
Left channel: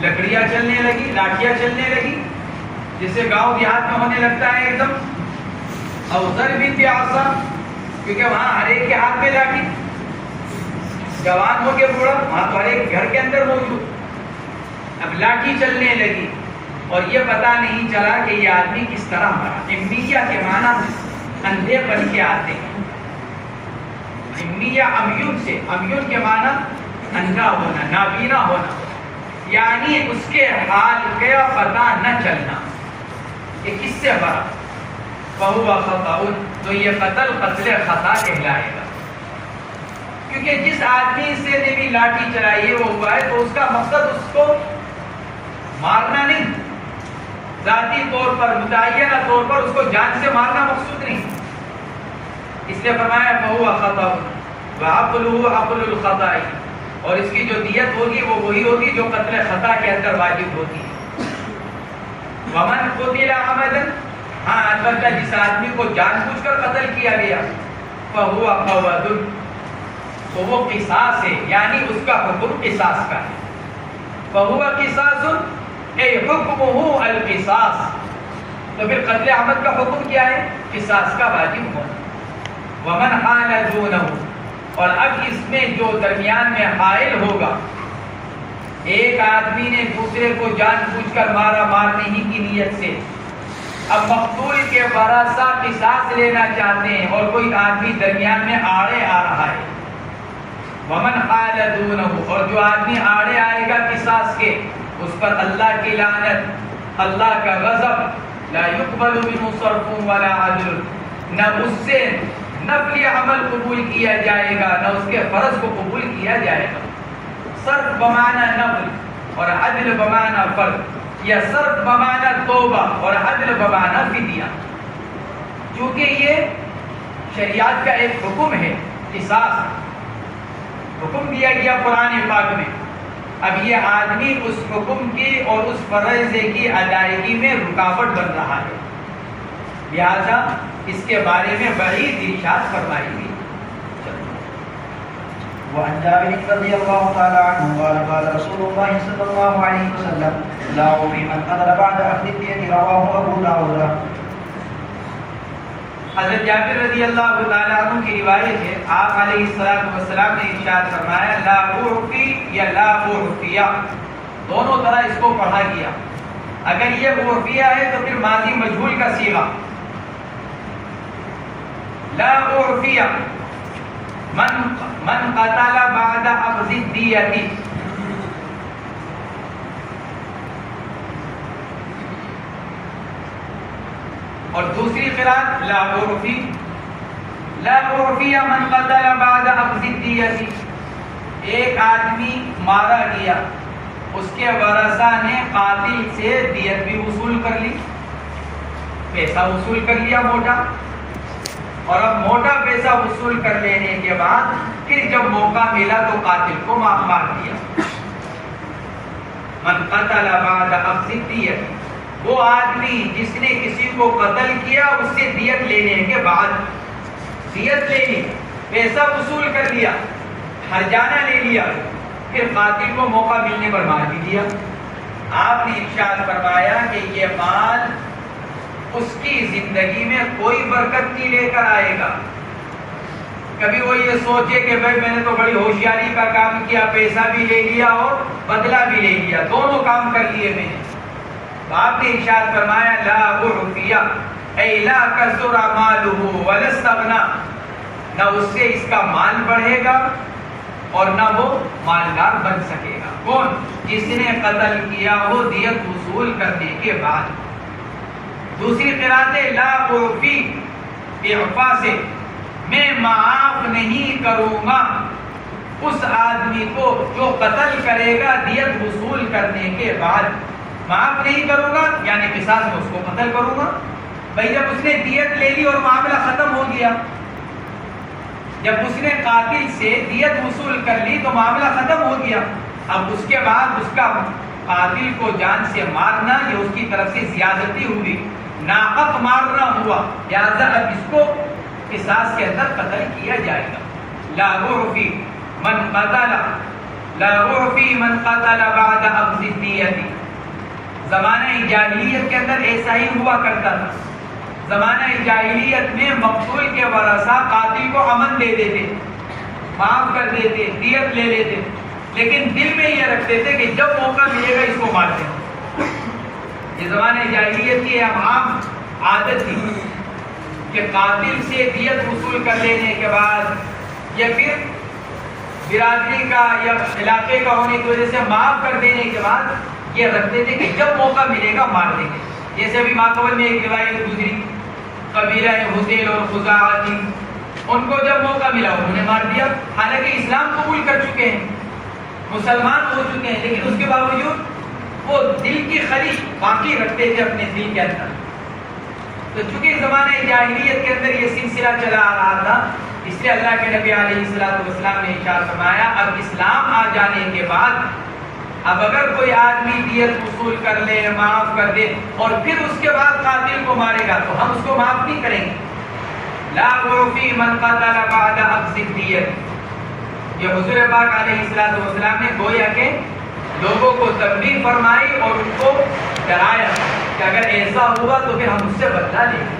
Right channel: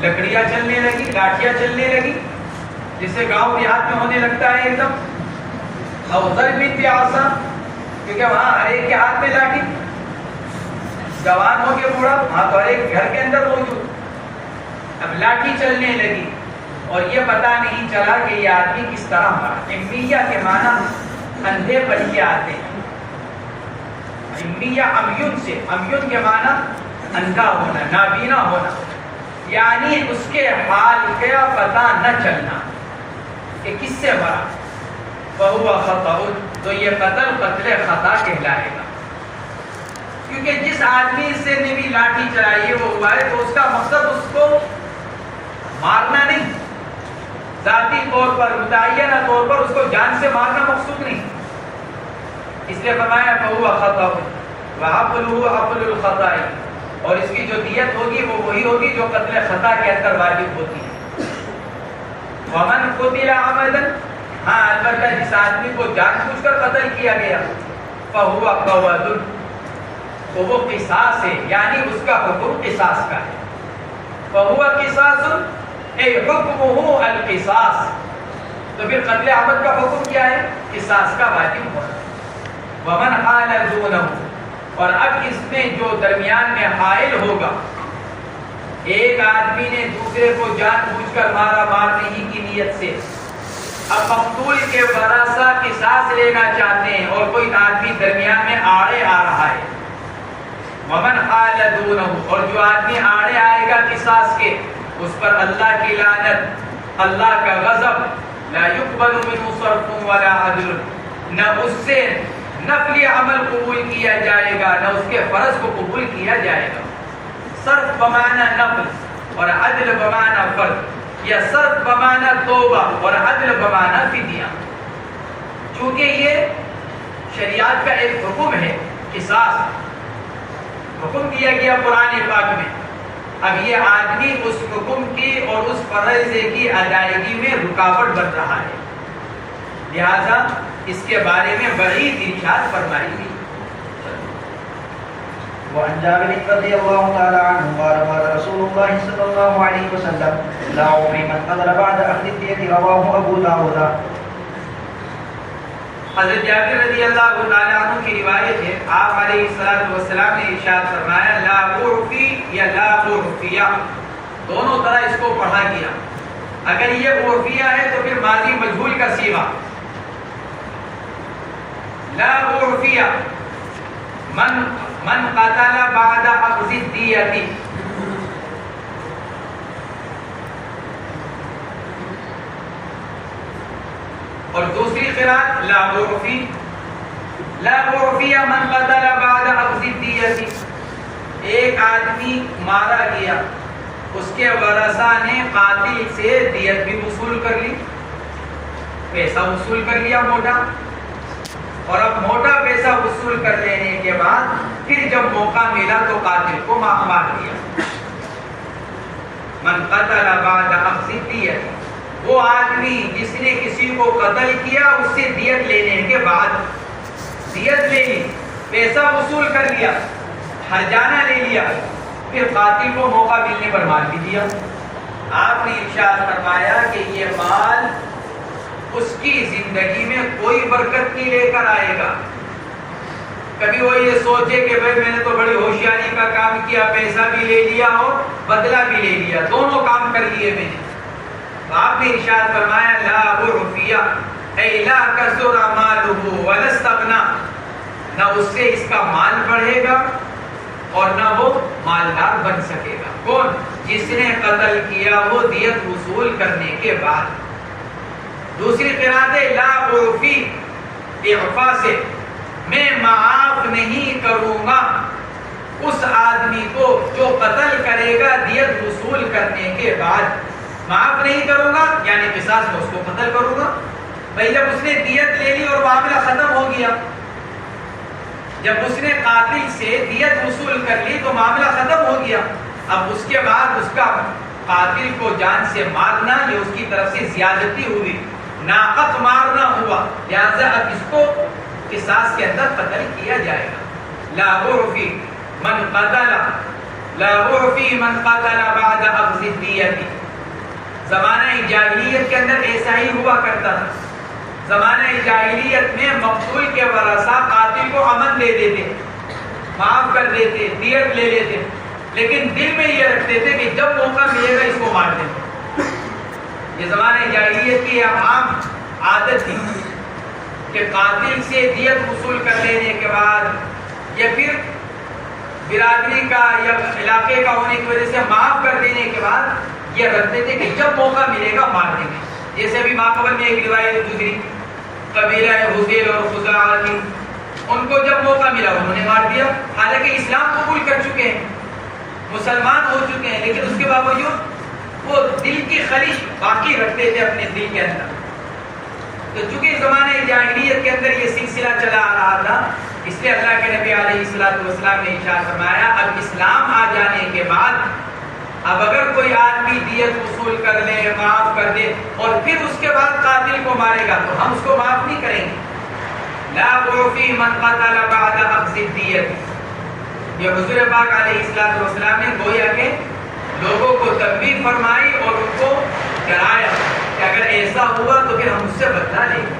لکڑیاں چلنے لگی لاٹھیاں چلنے لگی جسے گاؤں دیہات میں ہونے لگتا ہے ایک دم، او ضرب بعصا کیونکہ وہاں ہر ایک کے ہاتھ میں لاٹھی، جوان ہو کے بوڑھا وہاں تو ہر ایک گھر کے اندر موجود، اب لاٹھی چلنے لگی اور یہ پتہ نہیں چلا کہ یہ آدمی کس طرح مرا۔ عمیہ کے معنی اندھے بن کے آتے ہیں، عمیہ عمیون سے، عمیون کے معنی اندھا ہونا نابینا ہونا، یعنی اس کے حال کا پتہ نہ چلنا کہ کس سے مرا، فہو خطأ، تو یہ قتل خطا کہلائے گا، کیونکہ جس آدمی سے نے بھی لاٹھی چلائی ہے وہ ہوا ہے تو اس کا مقصد اس کو مارنا نہیں، ذاتی طور پر متعینہ طور پر اس کو جان سے مارنا مقصود نہیں، اس لیے فرمایا فہو خطأ وعقلہ عقل الخطأ، اور اس کی جو دیت ہوگی وہ وہی ہوگی جو قتل خطا کے اندر واجب ہوتی ہے۔ ومن قتل عمدا، ہاں البتہ جس آدمی کو جان بوجھ کر قتل کیا گیا، فہو قواد، تو وہ قصاص ہے، یعنی اس کا حکم قصاص کا ہے، فہو قصاص اے حکمہ القصاص، تو پھر قتل عمد کا حکم کیا ہے؟ قصاص کا واجب ہونا۔ ومن حال دونہ، اور اب اس میں جو درمیان میں حائل ہوگا، ایک آدمی نے دوسرے کو جان بوجھ کر مارا مارنے ہی کی نیت سے، اب مقتول کے ورثہ قصاص لینا چاہتے ہیں اور کوئی آدمی درمیان میں آڑے آ رہا ہے، ومن حال دونہ، اور جو آدمی آڑے آئے گا قصاص کے، اس پر اللہ کی لعنت، اللہ کا غضب، لا يقبل منه صرف ولا عدل، نہ اس سے نفلی عمل قبول کیا جائے گا نہ اس کے فرض کو قبول کیا جائے گا۔ صرف بمعنی نفل اور عدل بمعنی فرض، یا صرف بمعنی توبہ اور عدل بمعنی فدیہ، چونکہ یہ شریعت کا ایک حکم ہے، قصاص حکم دیا گیا قرآن پاک میں، اب یہ آدمی اس حکم کی اور اس فرض کی ادائیگی میں رکاوٹ بن رہا ہے، لہذا اس کے بارے میں وعید ارشاد فرمائی گئی۔ وعن جابر رضی اللہ تعالی عنہ قال قال رسول اللہ صلی اللہ علیہ وسلم لا عفی من قتل بعد اخذ الدیة، رواہ ابو داود۔ حضرت جابر رضی اللہ تعالی عنہ کی روایت ہے، آپ علیہ السلام نے ارشاد فرمایا لا اعفی یا لا اعفیہ، دونوں طرح اس کو پڑھا گیا، اگر یہ اعفیہ ہے تو پھر ماضی مجہول کا صیغہ، لا اعفیہ من قتل بعد اخذ الدیة، اور دوسری قرات لا اعفی لا اعفی من قتل بعد اخذ الدیۃ، ایک آدمی مارا گیا، اس کے ورثہ نے قاتل سے دیت بھی وصول کر لی، پیسہ وصول کر لیا موٹا، اور اب موٹا پیسہ وصول کر لینے کے بعد پھر جب موقع ملا تو قاتل کو مار دیا۔ من قتل بعد اخذ الدیۃ، وہ آدمی جس نے کسی کو قتل کیا اس سے دیت لینے کے بعد، دیت لے لی، پیسہ وصول کر لیا، ہرجانہ لے لیا، پھر قاتل کو موقع ملنے پر مار بھی دیا۔ آپ نے ارشاد فرمایا کہ یہ مال اس کی زندگی میں کوئی برکت نہیں لے کر آئے گا۔ کبھی وہ یہ سوچے کہ بھائی میں نے تو بڑی ہوشیاری کا کام کیا، پیسہ بھی لے لیا اور بدلہ بھی لے لیا، دونوں کام کر لیے میں نے۔ تو آپ نے ارشاد فرمایا لا اعفی اے لا کثر مالہ ولا استغنى، نہ اس سے اس کا مال بڑھے گا اور نہ وہ مالدار بن سکے گا۔ کون؟ جس نے قتل کیا وہ دیت وصول کرنے کے بعد۔ دوسری قرات ہے لا اعفی، اعفا سے میں معاف نہیں کروں گا اس آدمی کو جو قتل کرے گا دیت وصول کرنے کے بعد، معاف نہیں کروں گا یعنی قصاص میں اس کو قتل کروں گا۔ بھائی جب اس نے دیت لے لی اور معاملہ ختم ہو گیا، جب اس نے قاتل سے دیت وصول کر لی تو معاملہ ختم ہو گیا، اب اس کے بعد اس کا قاتل کو جان سے مارنا یہ اس کی طرف سے زیادتی ہوئی، ناحق مارنا ہوا، لہذا اب اس کو قصاص کے اندر قتل کیا جائے گا۔ لا اعفی من قتل، لا اعفی من قتل بعد اخذ الدیۃ۔ زمانہ جاہلیت کے اندر ایسا ہی ہوا کرتا تھا۔ زمانہ جاہلیت میں مقتول کے ورثہ قاتل کو امن دے دیتے، معاف کر دیتے، دیت لے لیتے، لیکن دل میں یہ رکھتے تھے کہ جب موقع ملے گا اس کو مار دیں۔ یہ زمانہ جاہلیت کی عام عادت تھی کہ قاتل سے دیت وصول کر لینے کے بعد یا پھر برادری کا یا علاقے کا ہونے کی وجہ سے معاف کر دینے کے بعد یہ رکھتے تھے کہ جب موقع ملے گا مار دیں گے۔ جیسے ابھی ماقبل میں ایک روایت گزری، قبیلہ حذیل اور خزاعہ تھی، ان کو جب موقع ملا انہوں نے مار دیا، حالانکہ اسلام قبول کر چکے ہیں، مسلمان ہو چکے ہیں، لیکن اس کے باوجود وہ دل کی خلش باقی رکھتے تھے اپنے دل کے اندر۔ تو چونکہ زمانے جاہلیت کے اندر یہ سلسلہ چلا آ رہا تھا، اس لیے اللہ کے نبی علیہ السلام نے ارشاد فرمایا اب اسلام آ جانے کے بعد اب اگر کوئی آدمی دیت وصول کر لے، معاف کر دے اور پھر اس کے بعد قاتل کو مارے گا تو ہم اس کو معاف نہیں کریں گے۔ لا اعفی من قتل بعد اخذ الدیۃ، یہ حضور پاک علیہ السلام نے گویا کہ لوگوں کو تنبیہ فرمائی اور ان کو ڈرایا کہ اگر ایسا ہوا تو پھر ہم اس سے بدلہ لیں گے۔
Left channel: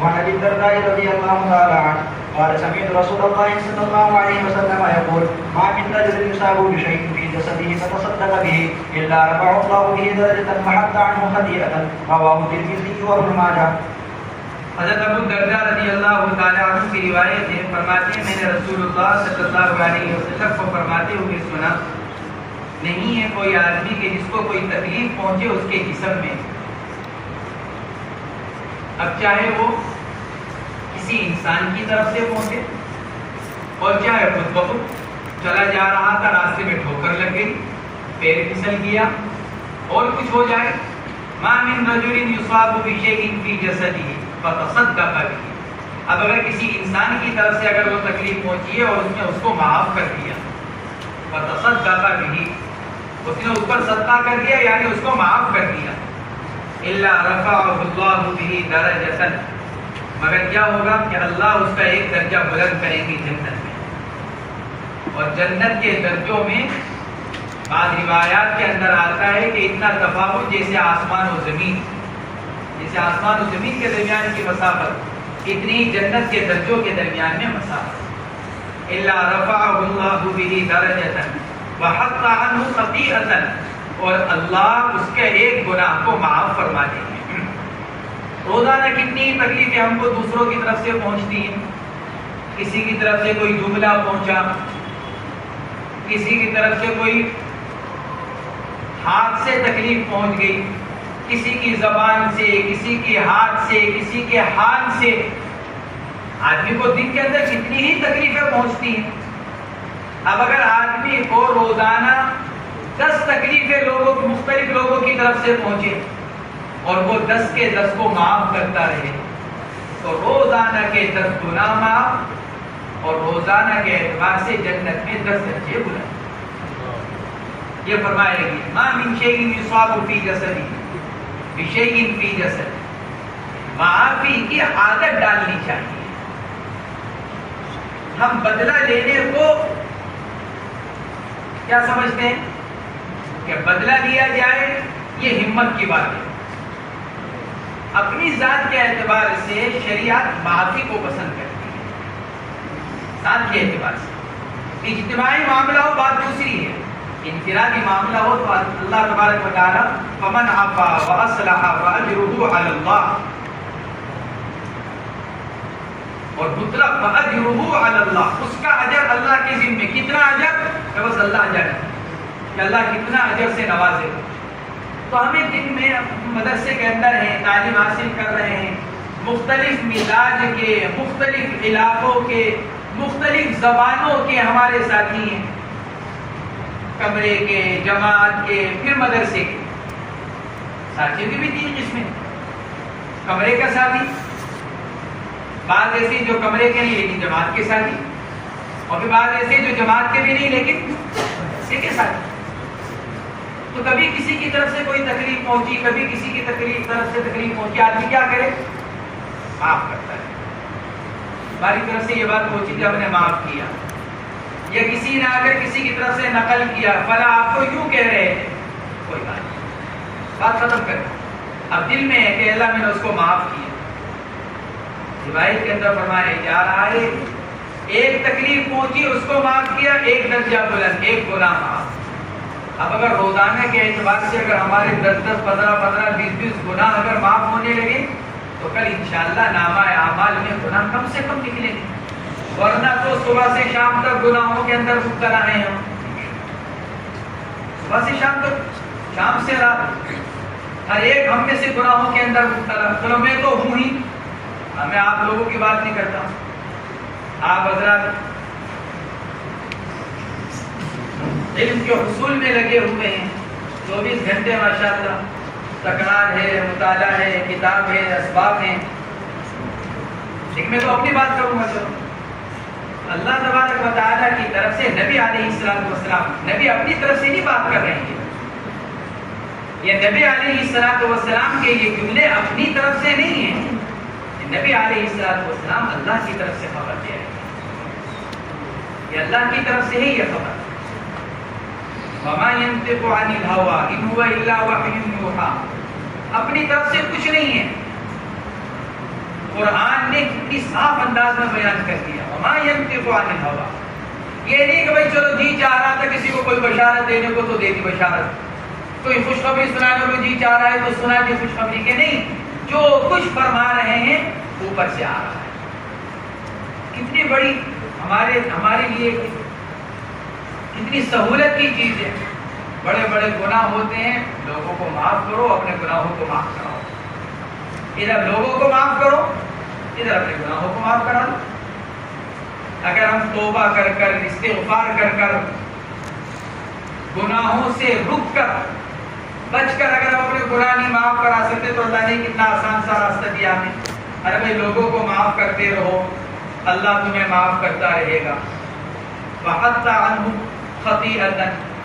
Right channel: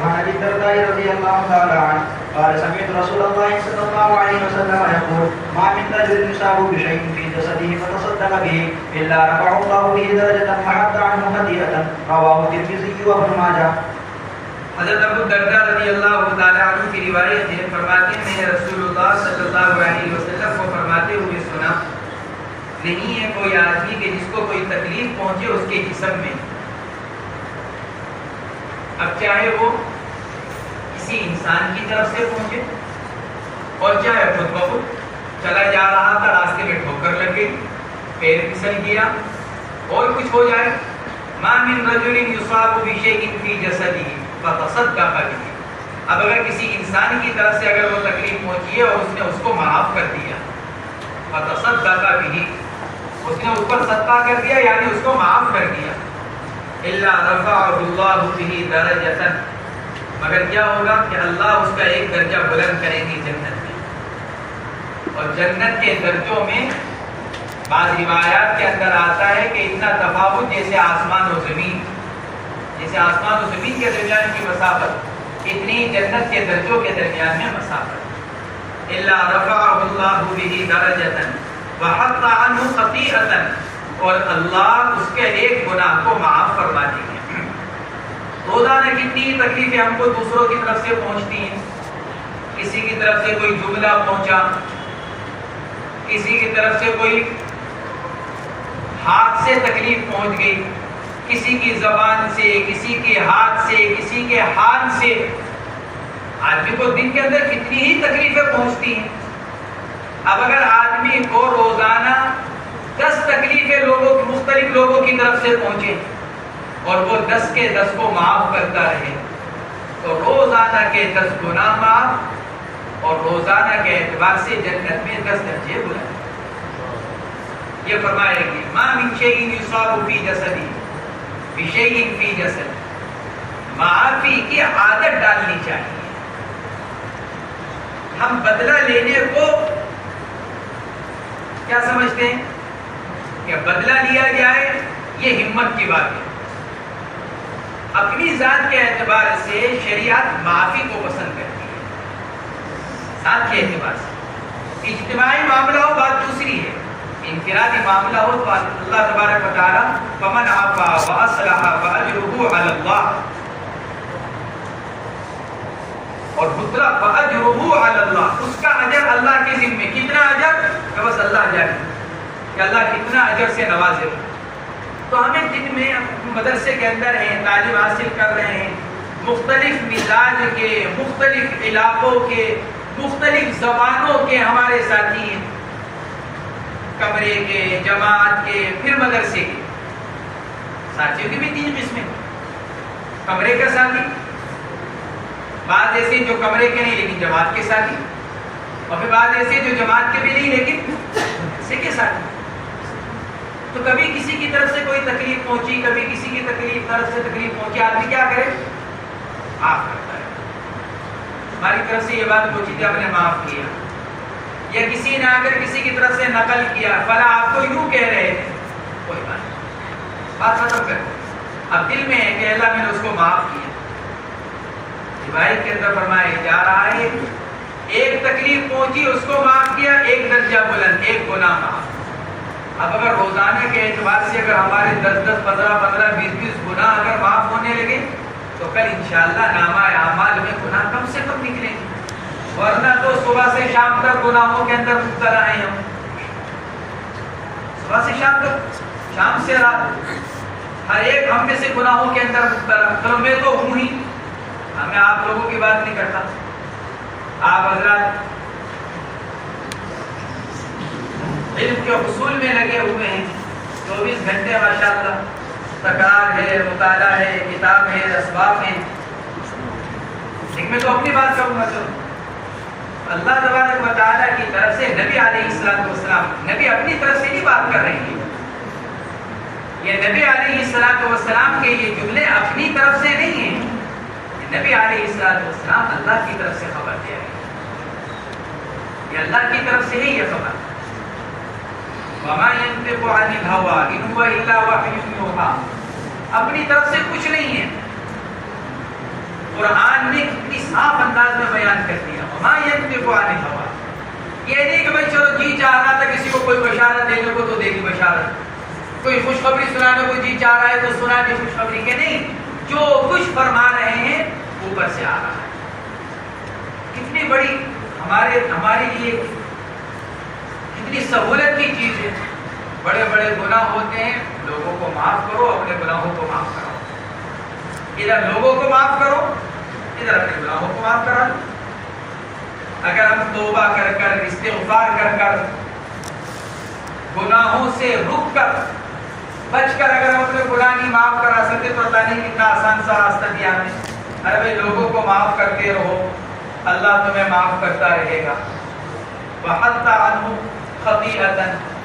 وعن ابي الدرداء رضي الله تعالى عنه قال سمعت رسول الله صلى الله عليه وسلم يقول ما من رجل يصاب بشيء في جسده فتصدق به الا رفعه الله به درجة وحط عنه خطيئة، رواه الترمذي وابن ماجه۔ حضرت ابو الدرداء رضی اللہ تعالی عنہ کی روایت ہے، فرماتے ہیں میں نے رسول اللہ صلی اللہ علیہ وسلم کو فرماتے ہوئے سنا نہیں ہے کوئی آدمی کہ جس کو کوئی تکلیف پہنچے اس کے جسم میں، اب چاہے وہ کسی انسان کی طرف سے پہنچے اور چاہے خود بخود چلا جا رہا تھا راستے میں ٹھوکر لگ گئی، پیر پھسل گیا اور کچھ ہو جائے، ما من رجل یصاب بشیء فی جسدہ فتصدق به، اب اگر کسی انسان کی طرف سے اگر وہ تکلیف پہنچی ہے اور اس نے اس کو معاف کر دیا، فتصدق به، اس نے اس پر صدقہ کر دیا یعنی اس کو معاف کر دیا، الا رفعه اللہ به درجۃ، مگر کیا ہوگا کہ اللہ اس کا ایک درجہ بلند کریں گے جنت میں، اور جنت کے درجوں میں بعض روایات کے اندر آتا ہے کہ اتنا تفاوت جیسے آسمان و زمین، جیسے آسمان و زمین کے درمیان کی مسافت اتنی جنت کے درجوں کے درمیان میں مسافت۔ الا رفعه اللہ به درجۃ وحط عنه خطیئۃ، اور اللہ اس کے ایک گناہ کو معاف فرما دیں گے۔ روزانہ کتنی تکلیفیں ہم کو دوسروں کی طرف سے پہنچتی ہیں، کسی کی طرف سے کوئی جملہ پہنچا، کسی کی طرف سے کوئی ہاتھ سے تکلیف پہنچ گئی، کسی کی زبان سے، کسی کے ہاتھ سے، کسی کے حال سے آدمی کو دن کے اندر کتنی ہی تکلیفیں پہنچتی ہیں. اب اگر آدمی کو روزانہ 10 تکلیفیں مختلف لوگوں کی طرف سے پہنچے اور وہ 10 کے 10 کو معاف کرتا رہے تو روزانہ کے 10 گناہ معاف اور روزانہ کے اعتبار سے جنت میں 10 درجے بلند. یہ فرمائے گی ما من شیء یصاب فی جسدی بشیء فی جسد. معافی کی عادت ڈالنی چاہیے. ہم بدلہ لینے کو کیا سمجھتے ہیں کہ بدلہ لیا جائے یہ ہمت کی بات ہے. اپنی ذات کے اعتبار سے شریعت معافی کو پسند کرتی ہے. ذات کے اعتبار سے اجتماعی معاملہ ہو بات دوسری ہے. انفرادی معاملہ ہو تو اللہ تبارک و تعالی فمن عفا واصلح فاجرہ علی اللہ اور دوسرا فاجرہ علی اللہ، اس کا اجر اللہ کے ذمہ. کتنا اجر؟ بس اللہ جانے کہ اللہ کتنا اجر سے نوازے. تو ہمیں دن میں مدرسے کے اندر ہیں، تعلیم حاصل کر رہے ہیں، مختلف مزاج کے، مختلف علاقوں کے، مختلف زبانوں کے ہمارے ساتھی ہیں، کمرے کے، جماعت کے، پھر مدرسے کے. ساتھیوں کی بھی 3 قسمیں. کمرے کا ساتھی، بعض ایسے جو کمرے کے نہیں لیکن جماعت کے ساتھی، اور پھر بعض ایسے جو جماعت کے بھی نہیں لیکن مدرسے کے ساتھی. تو کبھی کسی کی طرف سے کوئی تکلیف پہنچی، کبھی کسی کی طرف سے تکلیف پہنچی، آدمی کیا کرے؟ معاف کرتا ہے. ہماری طرف سے یہ بات پہنچی تھی، ہم نے معاف کیا. یا کسی نے آ کر کسی کی طرف سے نقل کیا، فلاں آپ تو یوں کہہ رہے تھے، کوئی بات نہیں، بات ختم کر. اب دل میں ہے کہ اللہ میں نے اس کو معاف کیا. روایت کے اندر فرمایا جا رہا ہے ایک تکلیف پہنچی اس کو معاف کیا، 1 درجہ بلند، 1 گناہ معاف. اب اگر روزانہ کے اعتبار سے اگر ہمارے 10 15 20 گناہ اگر معاف ہونے لگے تو کل انشاءاللہ نامہ اعمال میں گناہ کم سے کم نکلیں گے. ورنہ تو صبح سے شام تک گناہوں کے اندر مبتلا ہیں ہم. صبح سے شام تک، شام سے رات، ہر ایک ہم میں سے گناہوں کے اندر مبتلا. چلو میں تو ہوں ہی، میں آپ لوگوں کی بات نہیں کرتا. آپ حضرات علم کے حصول میں لگے ہوئے ہیں، 24 گھنٹے ماشاءاللہ تکرار ہے، مطالعہ ہے، کتاب ہے، اسباب ہیں. لیکن میں تو اپنی بات کروں گا. چلو اللہ تبارک و تعالیٰ کی طرف سے نبی علیہ السلام، نبی اپنی طرف سے نہیں بات کر رہے ہیں. یہ نبی علیہ السلام کے یہ جملے اپنی طرف سے نہیں ہیں. نبی علیہ السلام اللہ کی طرف سے خبر دے رہے ہیں. یہ اللہ کی طرف سے ہے یہ خبر. وَمَا يَنطِقُ عَنِ الْهَوَىٰ إِنْ هُوَ إِلَّا وَحْيٌ يُوحَىٰ. اپنی طرف سے کچھ نہیں ہے. قرآن نے کتنی صاف انداز میں بیان کر دیا. وَمَا يَنطِقُ عَنِ الْهَوَىٰ. یہ نہیں کہ بھائی چلو جی چاہ رہا تھا کسی کو کوئی بشارت دینے کو تو دے دی بشارت، کوئی خوشخبری سنانے کو جی چاہ رہا ہے تو سنا دی خوشخبری. کے نہیں، جو کچھ فرما رہے ہیں اوپر سے آ رہا ہے. کتنی بڑی ہمارے لیے کتنی سہولت کی چیز ہے. بڑے بڑے گناہ ہوتے ہیں، لوگوں کو معاف کرو، اپنے گناہوں کو معاف کراؤ. ادھر لوگوں کو معاف کرو، ادھر اپنے گناہوں کو معاف کرا دو. اگر ہم توبہ کر کر، استغفار کر کر، گناہوں سے رک کر، بچ کر اگر ہم اپنے گناہ نہیں معاف کرا سکتے تو اللہ نے کتنا آسان سا راستہ دیا ہمیں. ارے بھائی لوگوں کو معاف کرتے رہو، اللہ تمہیں معاف کرتا رہے گا. وَحَطَّ عَنْهُ خَطِيئَةً،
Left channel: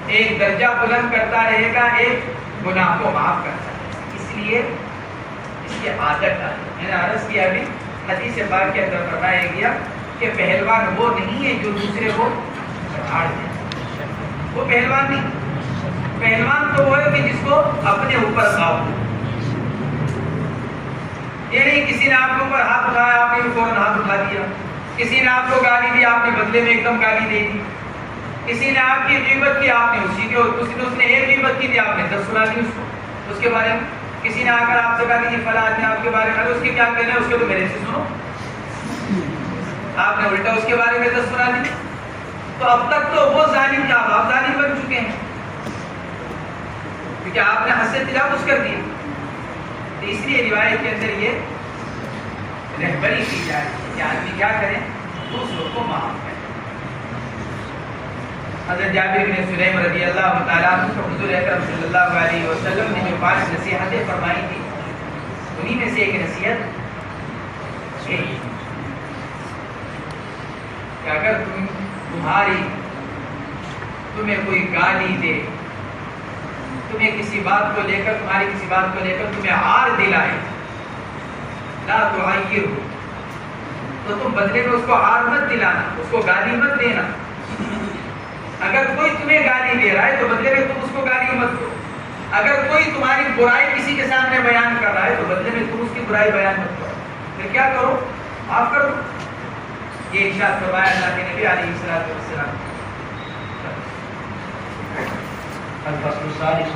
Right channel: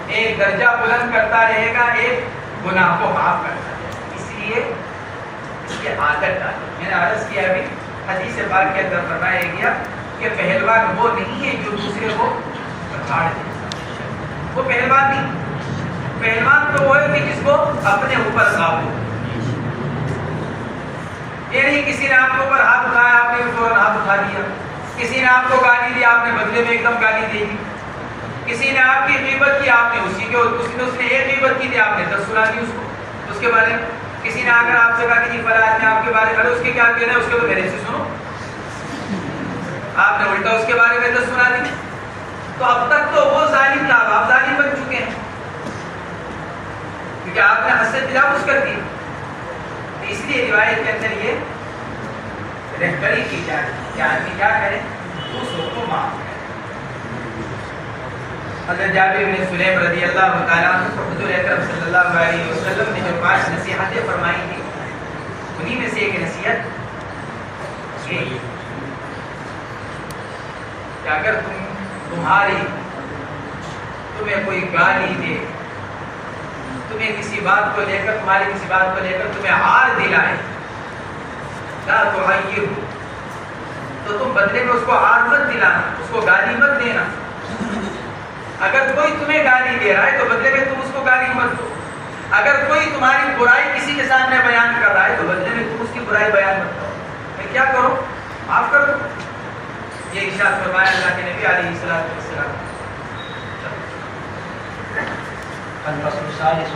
ایک درجہ بلند کرتا رہے گا، ایک گناہ کو معاف کرتا رہے گا. اس لیے اس کی عادت ڈالیں. میں نے عرض کیا ابھی حدیث پاک کے اندر فرمایا گیا کہ پہلوان وہ نہیں ہے جو دوسرے کو بچاڑ دے. وہ پہلوان نہیں. پہلوان تو وہ ہے کہ جس کو اپنے اوپر قابو. یہ نہیں کسی نے آپ کے اوپر ہاتھ اٹھایا آپ نے فوراً ہاتھ اٹھا دیا. کسی نے آپ کو گالی دی آپ نے بدلے میں ایک دم گالی دے دی. کسی نے آپ کی غیبت کی آپ نے اس نے ایک غیبت کی تھی آپ نے 10 سنا دی اس کو اس کے بارے میں. کسی نے آ کر آپ سے کہا کہ جی فلاں آدمی آپ کے بارے میں اس کے کیا کہنا ہے اس کے تو میرے سے سنو. آپ نے الٹا اس کے بارے میں 10 سنا دی. تو اب تک تو وہ ظالم تھا، آپ ظالم بن چکے ہیں کیونکہ آپ نے حد سے تجاوز کر دیا. تیسری روایت کے اندر یہ رہبری کی جائے کہ آدمی کیا کرے؟ دوسروں کو معاف کرے۔ حضرت جابر بن سلیم رضی اللہ تعالیٰ عنہ کو حضور اکرم صلی اللہ علیہ وسلم نے جو 5 نصیحتیں فرمائی تھی، انہی میں سے ایک نصیحت یہی ہے کہ اگر تمہیں کوئی گالی دے، تمہیں کسی بات کو لے کر تمہیں عار دلائے، لا تعیرہ، تو تم بدلے میں اس کو عار مت دلانا، اس کو گالی مت دینا۔ اگر کوئی تمہیں گالی دے رہا ہے تو بدلے میں تم اس کو گالی مت دو۔ اگر کوئی تمہاری برائی کسی کے سامنے بیان کر رہا ہے تو بدلے میں تم اس کی برائی بیان مت کرو، پھر کیا کرو؟ معاف کر دو۔ یہ ارشاد فرمایا اللہ کے نبی علیہ الصلوۃ والسلام۔ الفصل الثالث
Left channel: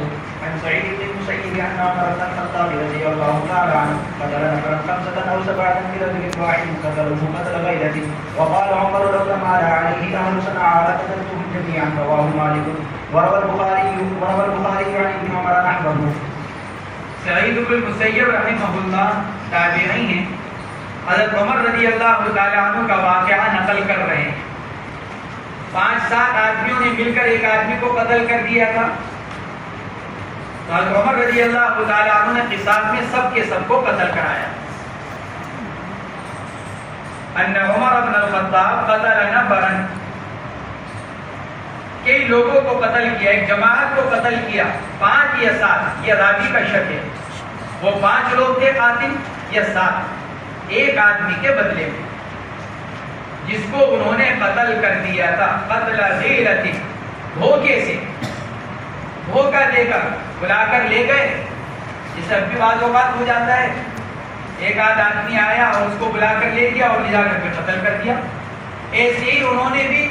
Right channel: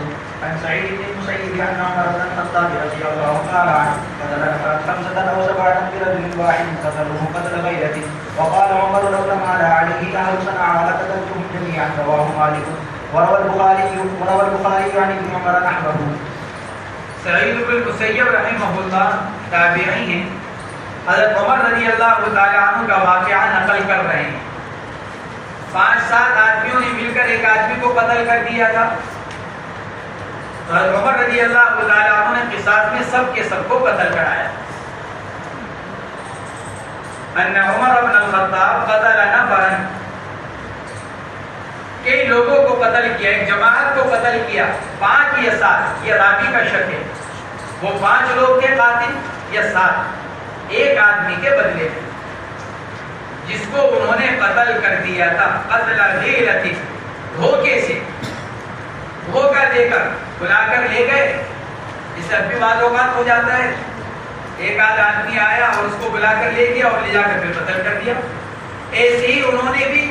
عن سعيد بن المسيب عن عمر بن الخطاب رضي الله تعالى عنه قتل نفرا 5 أو 7 برجل واحد قتلوه قتل غيرته وقال عمر لو لم عليه أهل صنعاء لقتلتهم جميعا، رواه مالك وروى البخاري عن ابن عمر نحوه۔ سعید بن المسیب رحمہ اللہ تابعی ہیں، حضرت عمر رضی اللہ تعالیٰ عنہ کا واقعہ نقل کر رہے ہیں۔ 5-7 آدمیوں نے مل کر ایک آدمی کو قتل کر دیا تھا، تو حضرت عمر رضی اللہ تعالیٰ عنہ نے قصاص میں سب کے سب کو قتل کرایا۔ ان عمر بن الخطاب قتل نفرا، کئی لوگوں کو قتل کیا، ایک جماعت کو قتل کیا، 5 یا 7، یہ راوی کا شک ہے، وہ 5 لوگ تھے قاتل یا 7، ایک آدمی کے بدلے میں جس کو انہوں نے قتل کر دیا تھا، قتل غیرت، دھوکے سے، دھوکہ دے کر بلا کر لے گئے، جسے اب بھی بعض اوقات ہو جاتا ہے، ایک آدمی آیا اور اس کو بلا کر لے گیا اور لے جا کر کے قتل کر دیا۔ ایسے ہی انہوں نے بھی،